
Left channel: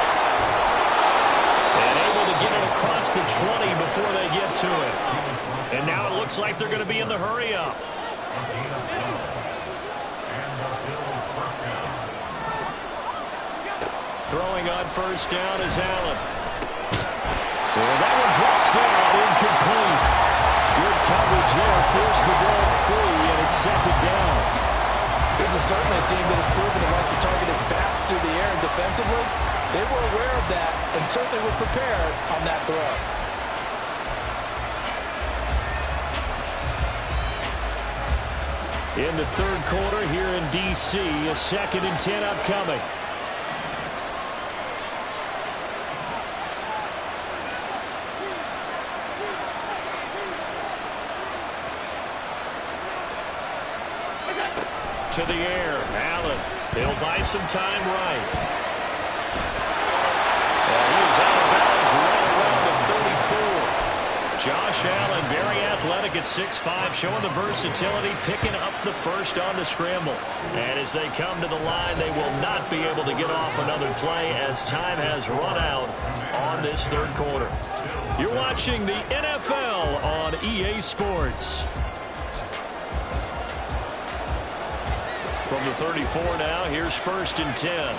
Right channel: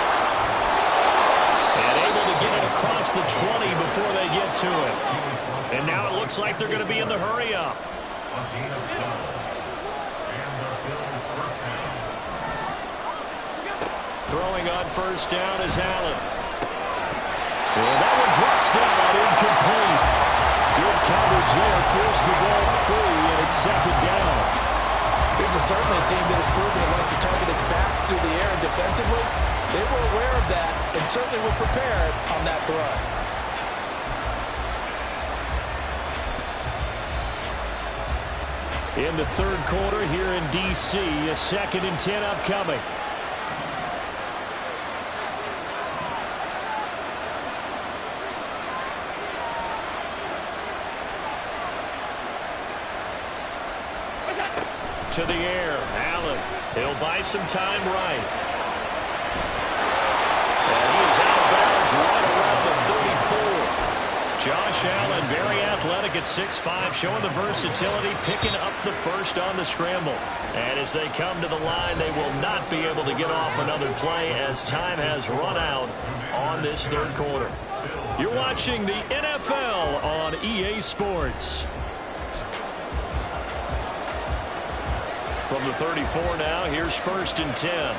And able to get it across the 20 before they get to it. And now it looks like they're going to be in the hurry-up. Throwing on first down is Allen. And that one drops down, incomplete. Good coverage there, forced the ball free, and it's 2nd down. This is certainly a team that has proven it likes to target its backs through the air, and defensively, they were aware of that and certainly were prepared on that throw. In the 3rd quarter here in D.C., a 2nd and 10 upcoming. To the air, Allen. He'll buy some time right. And he is out of bounds right around the 34. Josh Allen, very athletic at 6'5", showing the versatility, picking up the first on the scramble. And as they come to the line, they will not be able to get off another play as time has run out on this 3rd quarter. You're watching the NFL on EA Sports. From the 34 now, here's 1st and 10.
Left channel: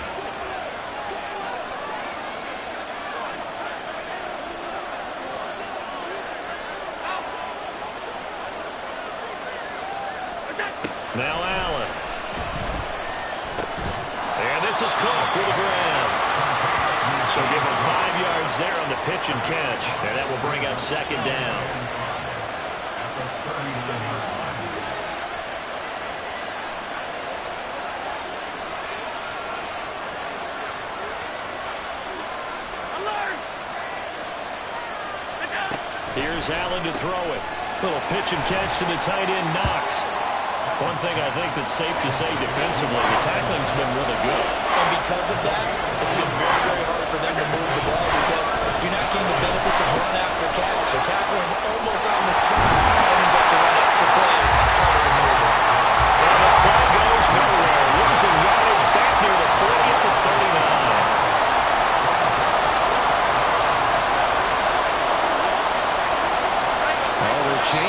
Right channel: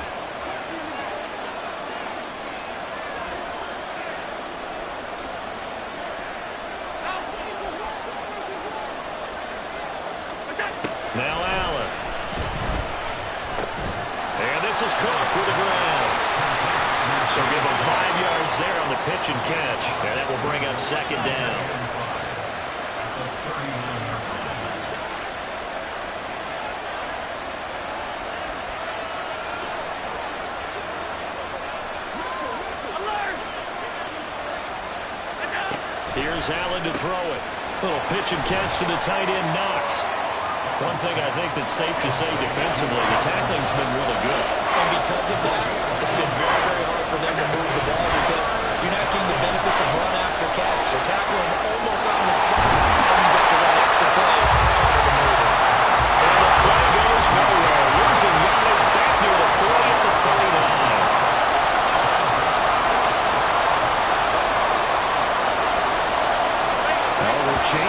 Now Allen. And this is Cook with the grab. So give him 5 yards there on the pitch and catch. And that will bring up 2nd down. Here's Allen to throw it. Little pitch and catch to the tight end, Knox. One thing I think that's safe to say defensively, the tackling's been really good. And because of that, it's been very, very hard for them to move the ball because you're not getting the benefits of run after catch. They're tackling almost on the spot. That means they have to run extra plays, harder to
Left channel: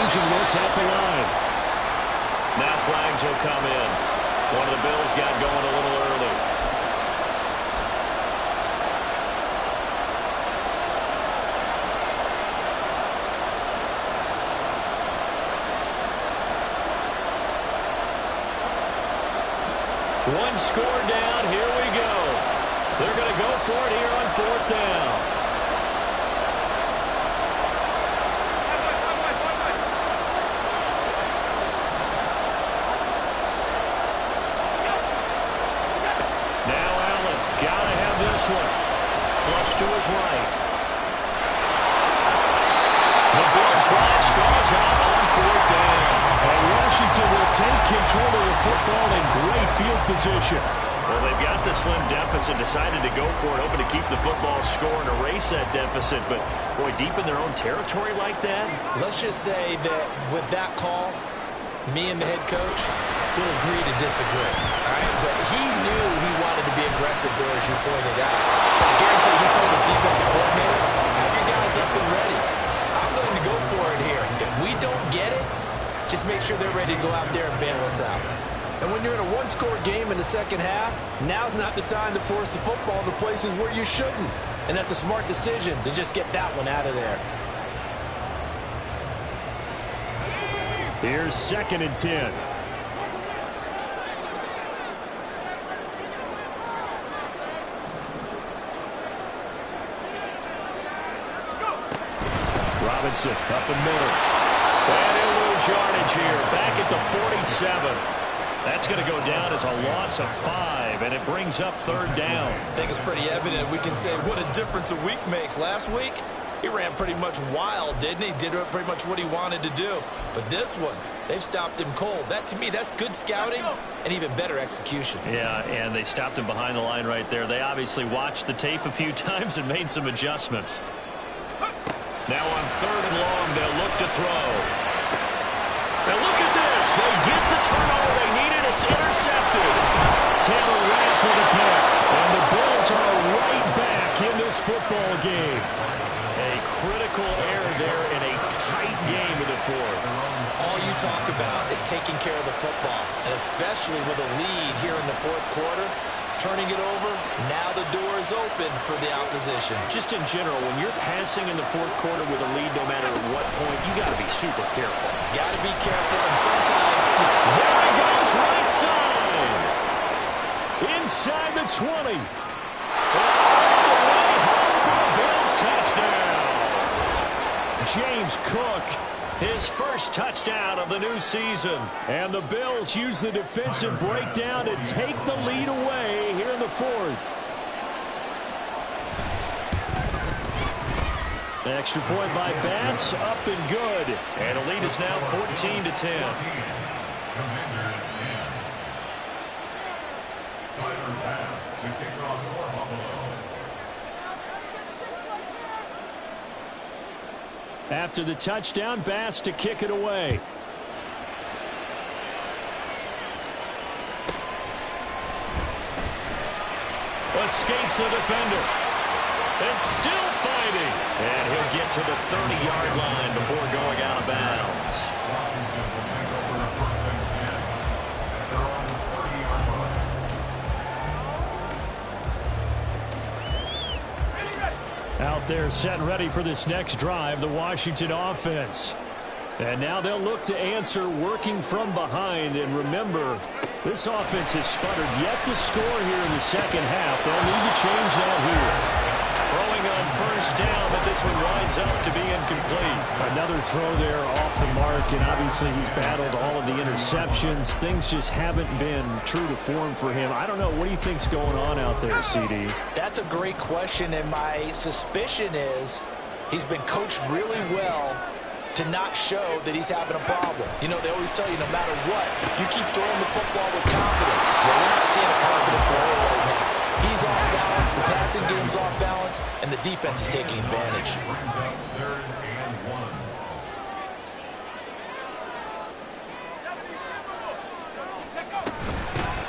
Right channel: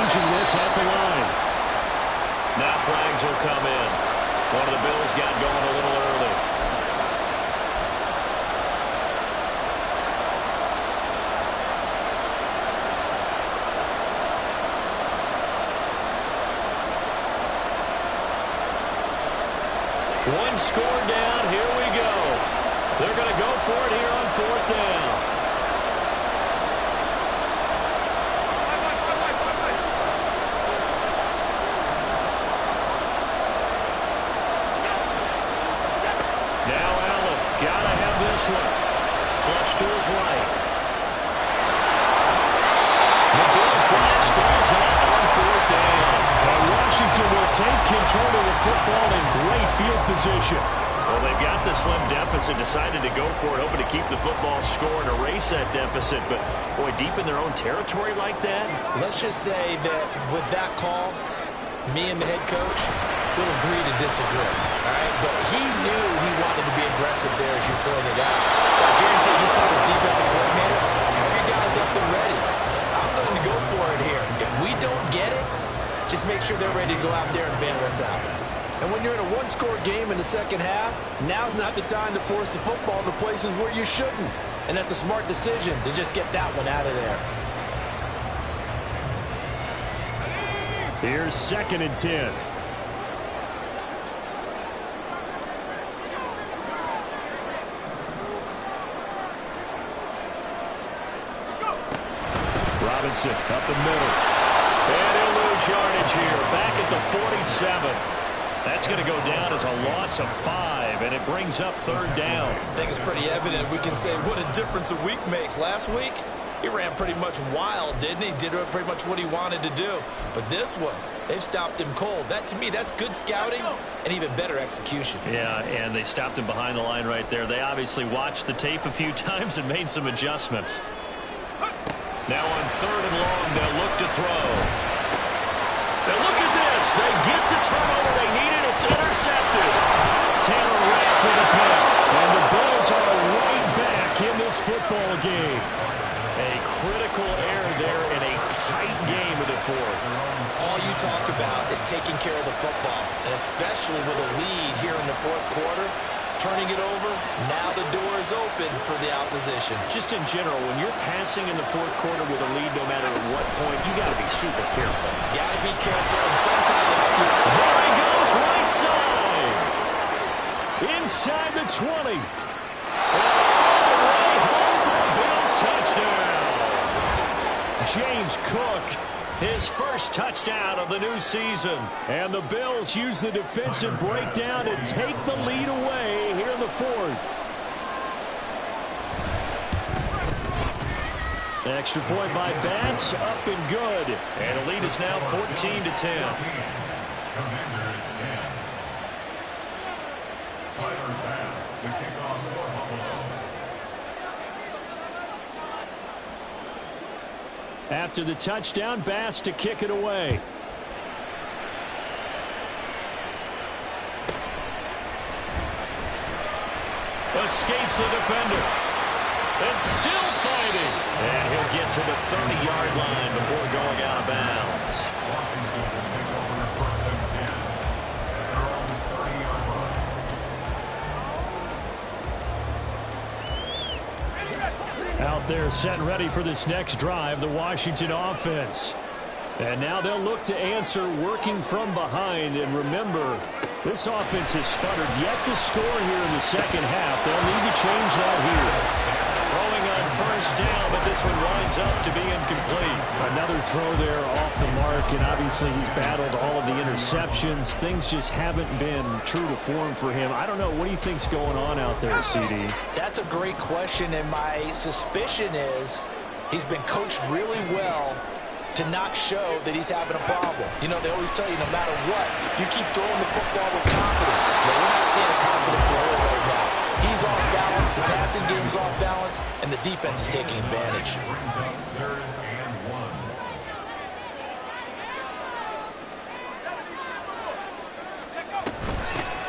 changing this at the line. Now flags will come in. One of the Bills got going a little early. One score down. Here we go. They're going to go for it here on 4th down. Now Allen, gotta have this one. Flush to his right. The Bills drive stalls out on 4th down. And Washington will take control of the football in great field position. Well, they've got the slim deficit, decided to go for it, hoping to keep the football score and erase that deficit. But, boy, deep in their own territory like that. Let's just say that with that call, me and the head coach will agree to disagree. All right? But he knew he wanted to be aggressive there, as you pointed out. So I guarantee he told his defensive coordinator, have your guys up and ready. I'm going to go for it here. If we don't get it, just make sure they're ready to go out there and bail us out. And when you're in a one-score game in the second half, now's not the time to force the football to places where you shouldn't. And that's a smart decision to just get that one out of there. Here's 2nd and 10. Robinson up the middle. And he'll lose yardage here. Back at the 47. That's going to go down as a loss of 5, and it brings up 3rd down. I think it's pretty evident. We can say what a difference a week makes. Last week, he ran pretty much wild, didn't he? Did pretty much what he wanted to do. But this one, they've stopped him cold. That, to me, that's good scouting and even better execution. Yeah, and they stopped him behind the line right there. They obviously watched the tape a few times and made some adjustments. Now on 3rd and long, they'll look to throw. Now look at this. They get the turnover they needed. It's intercepted. Taylor Rapp with a pick. And the Bills are right back in this football game. A critical error there in a tight game in the 4th. All you talk about is taking care of the football, and especially with a lead here in the 4th quarter. Turning it over, now the door is open for the opposition. Just in general, when you're passing in the 4th quarter with a lead, no matter at what point, you got to be super careful. Got to be careful, and sometimes... There he goes, right side. Inside the 20. And all the way home for a Bills touchdown. James Cook, his first touchdown of the new season. And the Bills use the defensive breakdown to take the lead away here in the 4th. Extra point by Bass, up and good. And the lead is now 14-10. Commanders 10. Tyler Bass to kick off for Buffalo. After the touchdown, Bass to kick it away. Escapes the defender. And still fighting. And he'll get to the 30-yard line before going out of bounds. Washington will take over 1st and 10 at their own 30-yard line. Out there set and ready for this next drive, the Washington offense. And now they'll look to answer working from behind. And remember, this offense has sputtered yet to score here in the second half. They'll need to change that here. Throwing on 1st down, but this one winds up to be incomplete. Another throw there off the mark, and obviously he's battled all of the interceptions. Things just haven't been true to form for him. I don't know. What do you think's going on out there, CD? That's a great question, and my suspicion is he's been coached really well to not show that he's having a problem. You know, they always tell you no matter what, you keep throwing the football with confidence. Well, we're not seeing a confident thrower right now. He's off balance, the passing game's off balance, and the defense is taking advantage. Brings up 3rd and 1.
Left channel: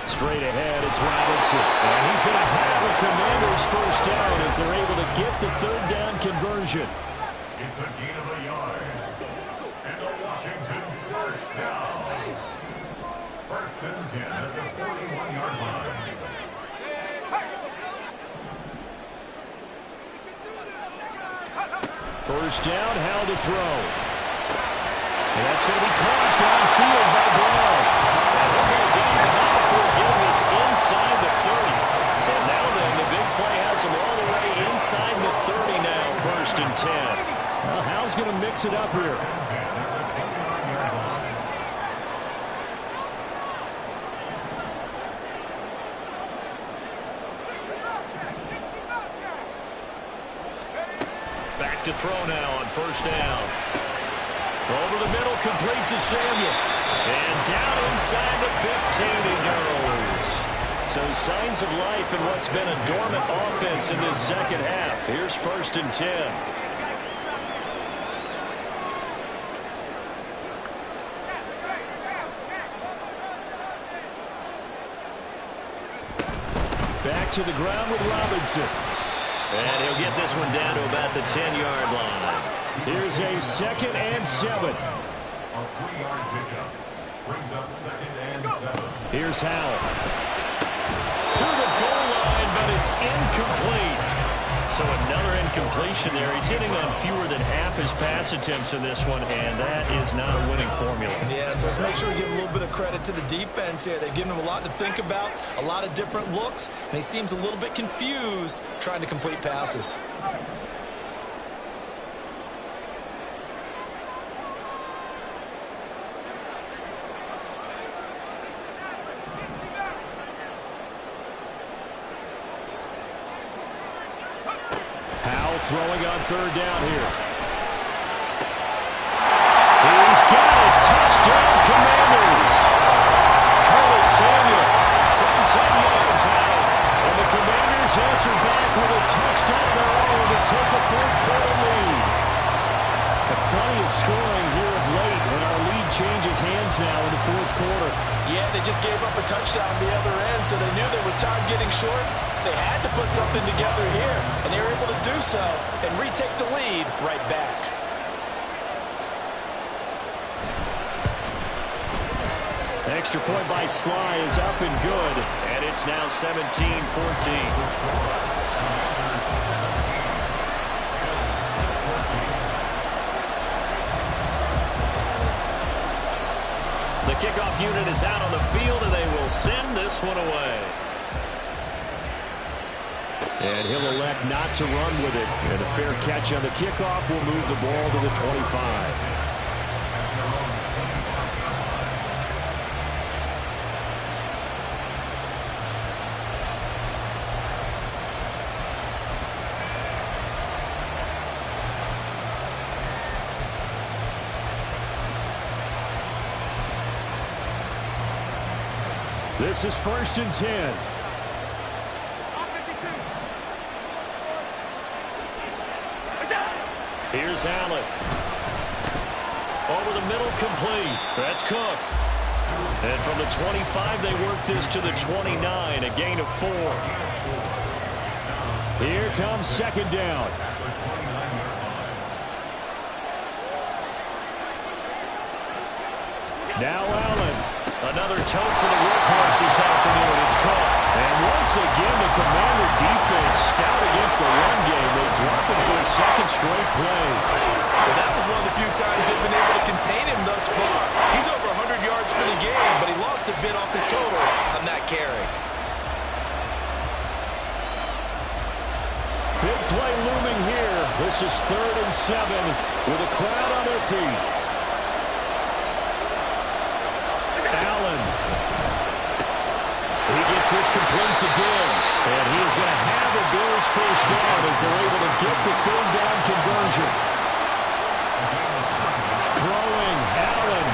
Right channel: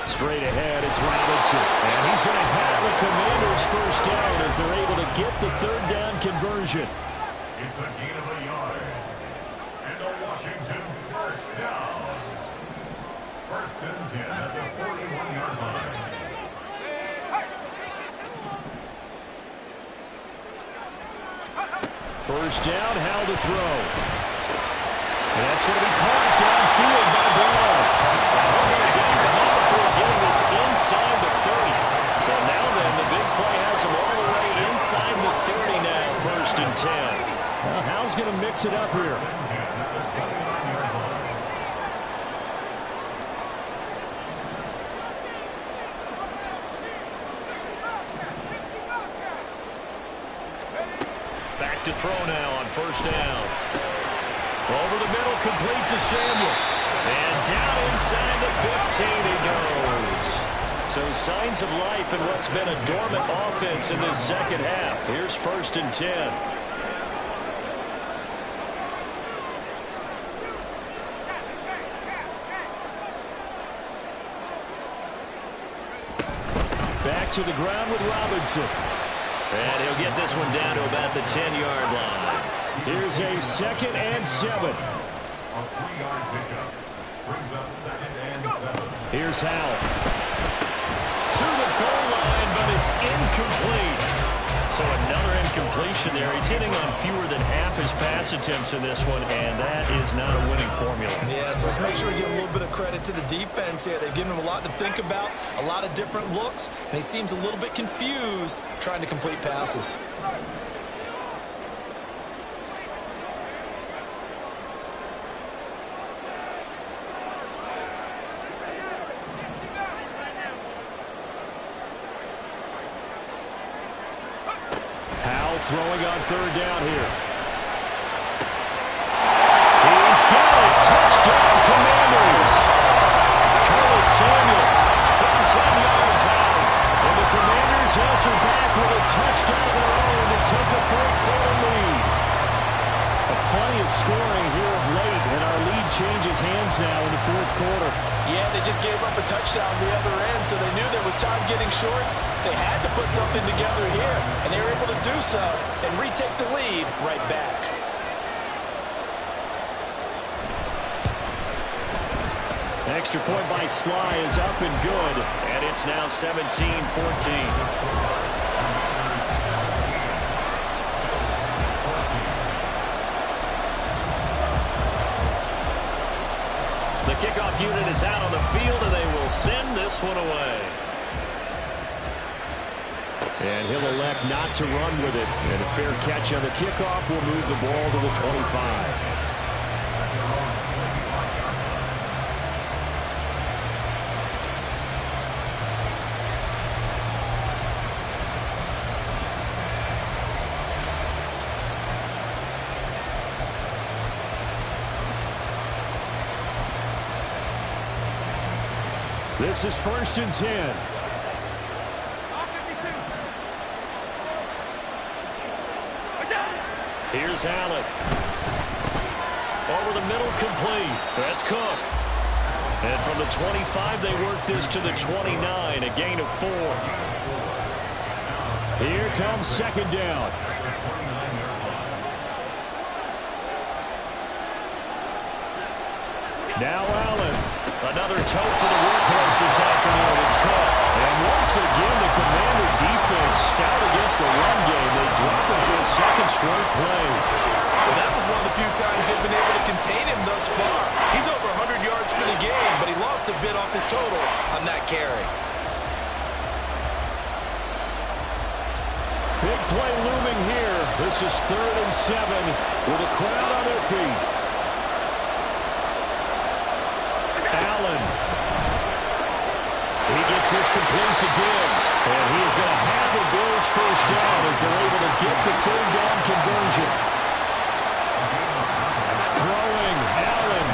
Straight ahead, it's Robinson. And he's going to have a Commander's 1st down as they're able to get the 3rd down conversion. It's a gain of a yard. And the Washington first down. First and 10 at the 41-yard line. First down, Howell to throw. And that's going to be caught downfield by Brown. And he'll go down, but not before getting this inside the 30. So now then, the big play has him all the way inside the 30 now, first and 10. Well, Howell's going to mix it up here. Back to throw now on first down. Over the middle, complete to Samuel. And down inside the 15 he goes. So signs of life in what's been a dormant offense in this second half. Here's first and 10. Back to the ground with Robinson. And he'll get this one down to about the 10-yard line. Here's a 2nd and 7. A 3-yard pickup brings up 2nd and 7. Here's Howell. To the goal line, but it's incomplete. So another incompletion there. He's hitting on fewer than half his pass attempts in this one, and that is not a winning formula. Yeah, so let's make sure we give a little bit of credit to the defense here. They've given him a lot to think about, a lot of different looks, and he seems a little bit confused trying to complete passes. Howell throwing on third down here. He's got it. Touchdown, Commanders. Curtis Samuel from 10 yards out. And the Commanders answer back with a touchdown of their own to take a fourth-quarter lead. Plenty of scoring here of late, and our lead changes hands now in the fourth quarter. Yeah, they just gave up a touchdown on the other end, so they knew that with time getting short, they had to put something together here, and they were able to do so and retake the lead right back. Extra point by Sly is up and good, and it's now 17-14. The kickoff unit is out on the field, and they will send this one away. And he'll elect not to run with it. And a fair catch on the kickoff will move the ball to the 25. This is first and 10. Here's Allen. Over the middle, complete. That's Cook. And from the 25, they work this to the 29, a gain of 4. Here comes second down. Now Allen. Another tote for the workhorse this afternoon. It's Cook. And once again, the Commander defense stout against the run game. They drop him for a second straight play. Well, that was one of the few times they've been able to contain him thus far. He's over 100 yards for the game, but he lost a bit off his total on that carry. Big play looming here. This is 3rd and 7 with a crowd on their feet. Allen. He gets this complete to Diggs. And he is going to have the Bills first down as they're able to get the third down conversion. Throwing Allen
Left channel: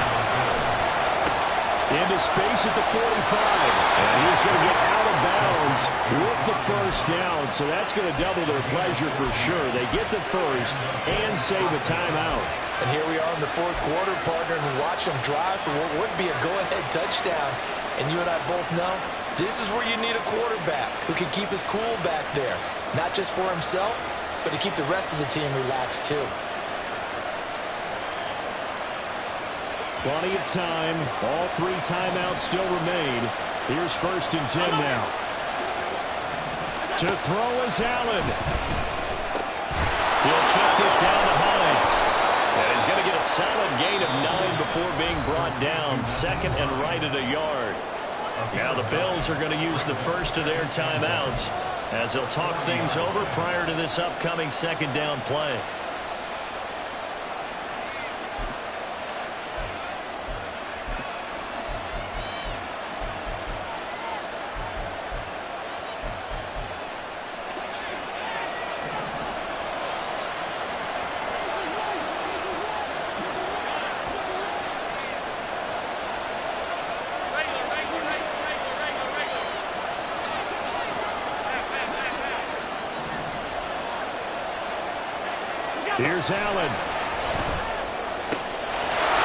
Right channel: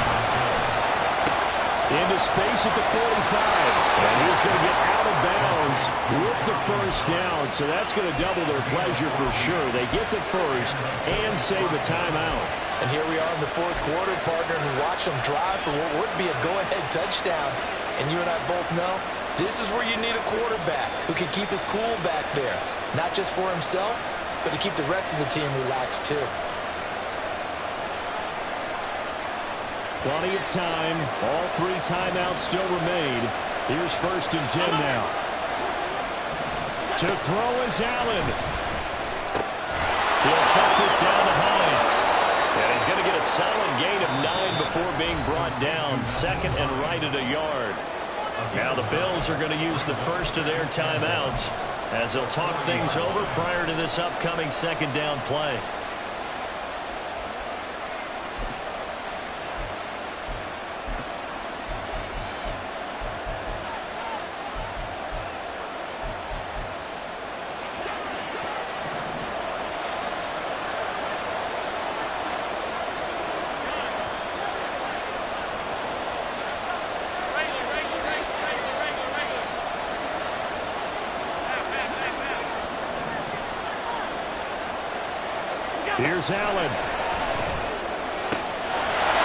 into space at the 45. And he's going to get out of bounds with the first down. So that's going to double their pleasure for sure. They get the first and save a timeout. And here we are in the fourth quarter, partner, and watch them drive for what would be a go-ahead touchdown. And you and I both know this is where you need a quarterback who can keep his cool back there. Not just for himself, but to keep the rest of the team relaxed too. Plenty of time. All 3 timeouts still remain. Here's 1st and 10 now. To throw is Allen. He'll check this down to Hines. And he's going to get a solid gain of 9 before being brought down. 2nd and right at a yard. Now the Bills are going to use the first of their timeouts as they'll talk things over prior to this upcoming 2nd down play. Here's Allen.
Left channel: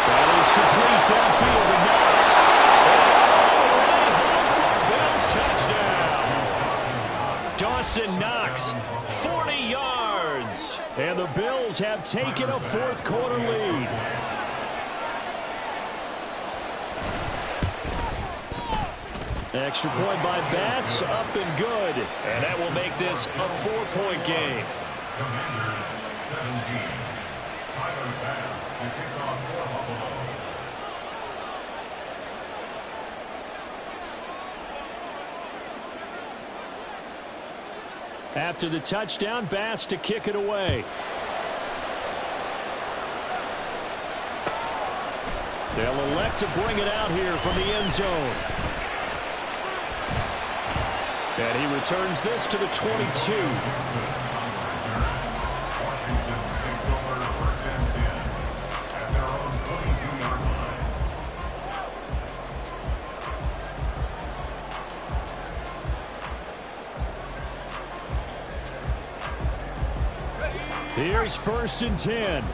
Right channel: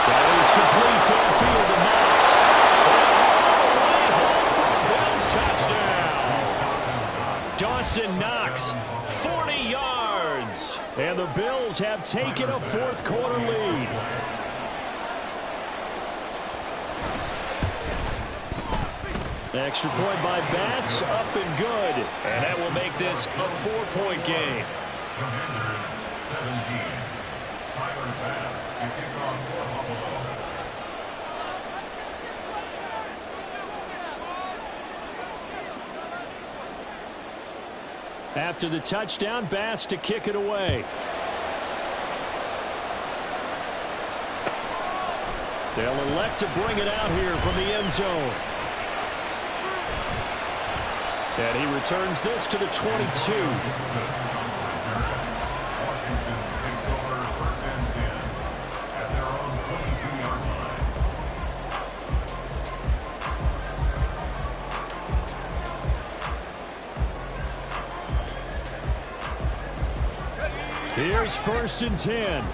That is complete downfield to Knox. And all the way home for a Bills touchdown. Dawson Knox, 40 yards. And the Bills have taken a 4th quarter lead. Extra point by Bass, up and good. And that will make this a 4-point game. Commanders 17. Tyler Bass to kick off for Buffalo. After the touchdown, Bass to kick it away. They'll elect to bring it out here from the end zone. And he returns this to the 22. Washington takes over 1st and 10 at their own 22-yard line. Here's 1st and 10.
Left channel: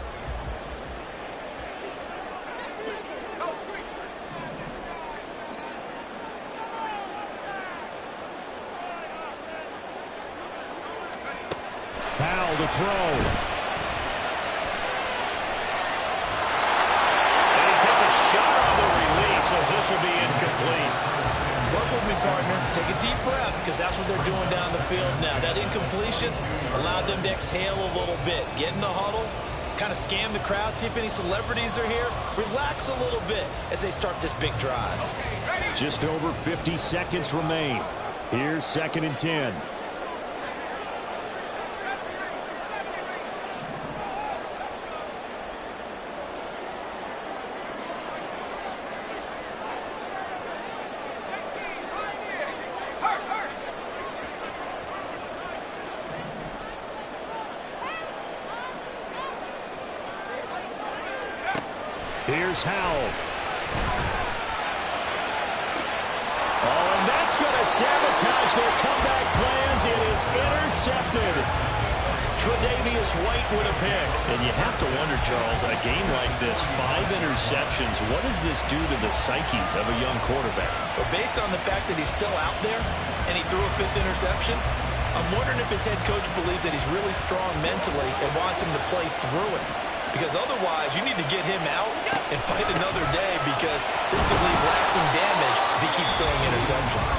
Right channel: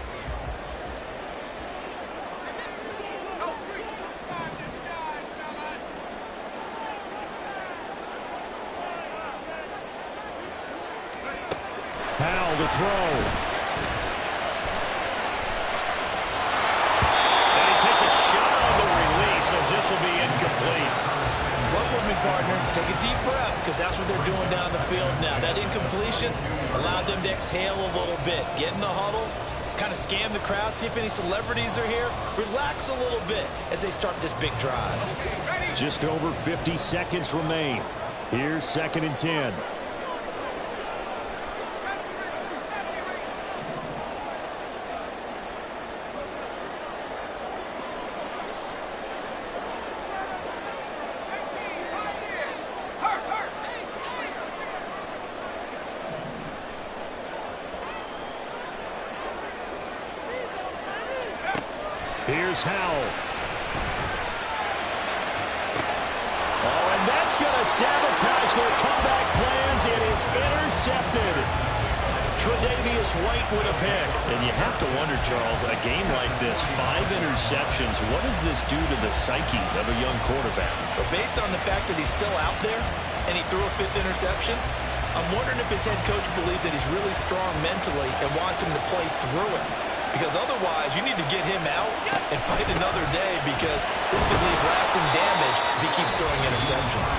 Powell to throw. And he takes a shot on the release as this will be incomplete. Work with me, partner. Take a deep breath because that's what they're doing down the field now. That incompletion allowed them to exhale a little bit. Get in the huddle, kind of scan the crowd, see if any celebrities are here. Relax a little bit as they start this big drive. Just over 50 seconds remain. Here's 2nd and 10. Here's Howell. Oh, and that's going to sabotage their comeback plans. It is intercepted. Tre'Davious White with a pick. And you have to wonder, Charles, a game like this, 5 interceptions, what does this do to the psyche of a young quarterback? But based on the fact that he's still out there and he threw a 5th interception, I'm wondering if his head coach believes that he's really strong mentally and wants him to play through it. Because otherwise, you need to get him out and fight another day because this could leave lasting damage if he keeps throwing interceptions.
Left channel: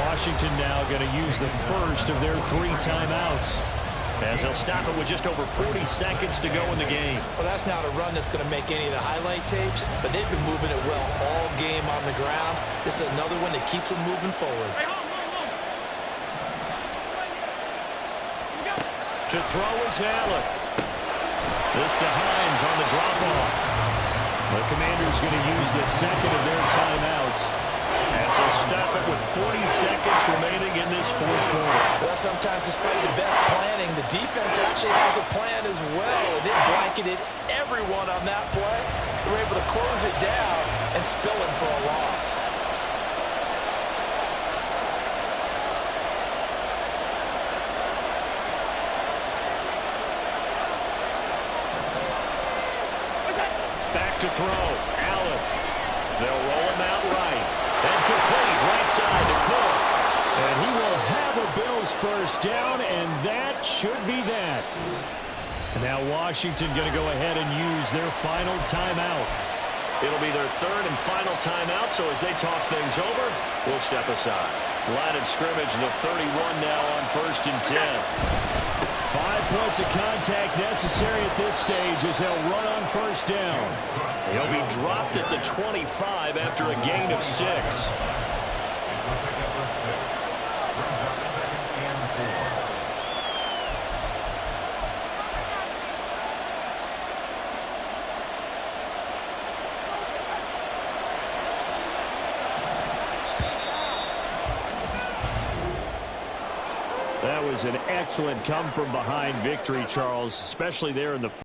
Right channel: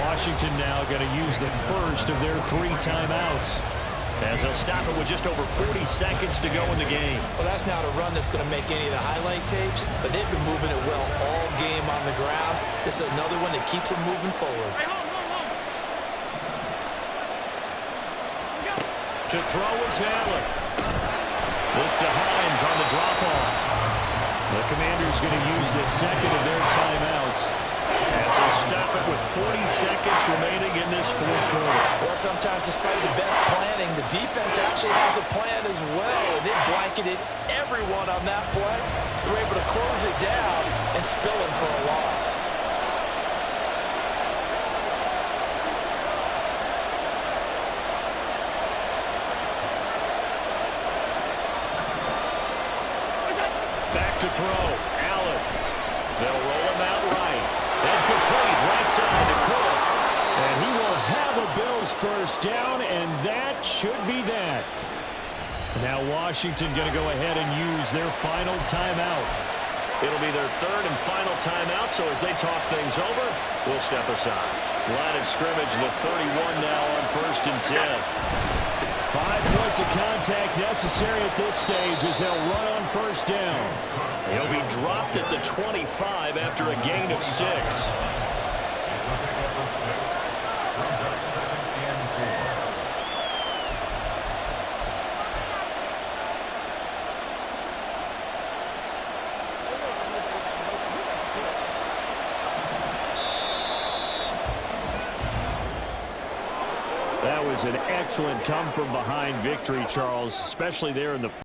Washington now going to use the first of their 3 timeouts, as they'll stop it with just over 40 seconds to go in the game. Well, that's not a run that's going to make any of the highlight tapes, but they've been moving it well all game on the ground. This is another one that keeps them moving forward. To throw is Allen. This to Hines on the drop-off. The Commanders going to use the 2nd of their timeouts as they'll stop it with 40 seconds remaining in this 4th quarter. Well, sometimes despite the best planning, the defense actually has a plan as well, and it blanketed everyone on that play. They were able to close it down and spill it for a loss. Back to throw. Allen. They'll roll him out right. And complete right side to Cook. And he will have a Bills first down, and that should be that. Now Washington going to go ahead and use their final timeout. It'll be their third and final timeout, so as they talk things over, we'll step aside. Line of scrimmage, the 31 now on 1st and 10. 5 points of contact necessary at this stage as they'll run on 1st down. He'll be dropped at the 25 after a gain of 6. It's a pickup of 6. Brings up 2nd and 4. That was an excellent come-from-behind victory, Charles, especially there in the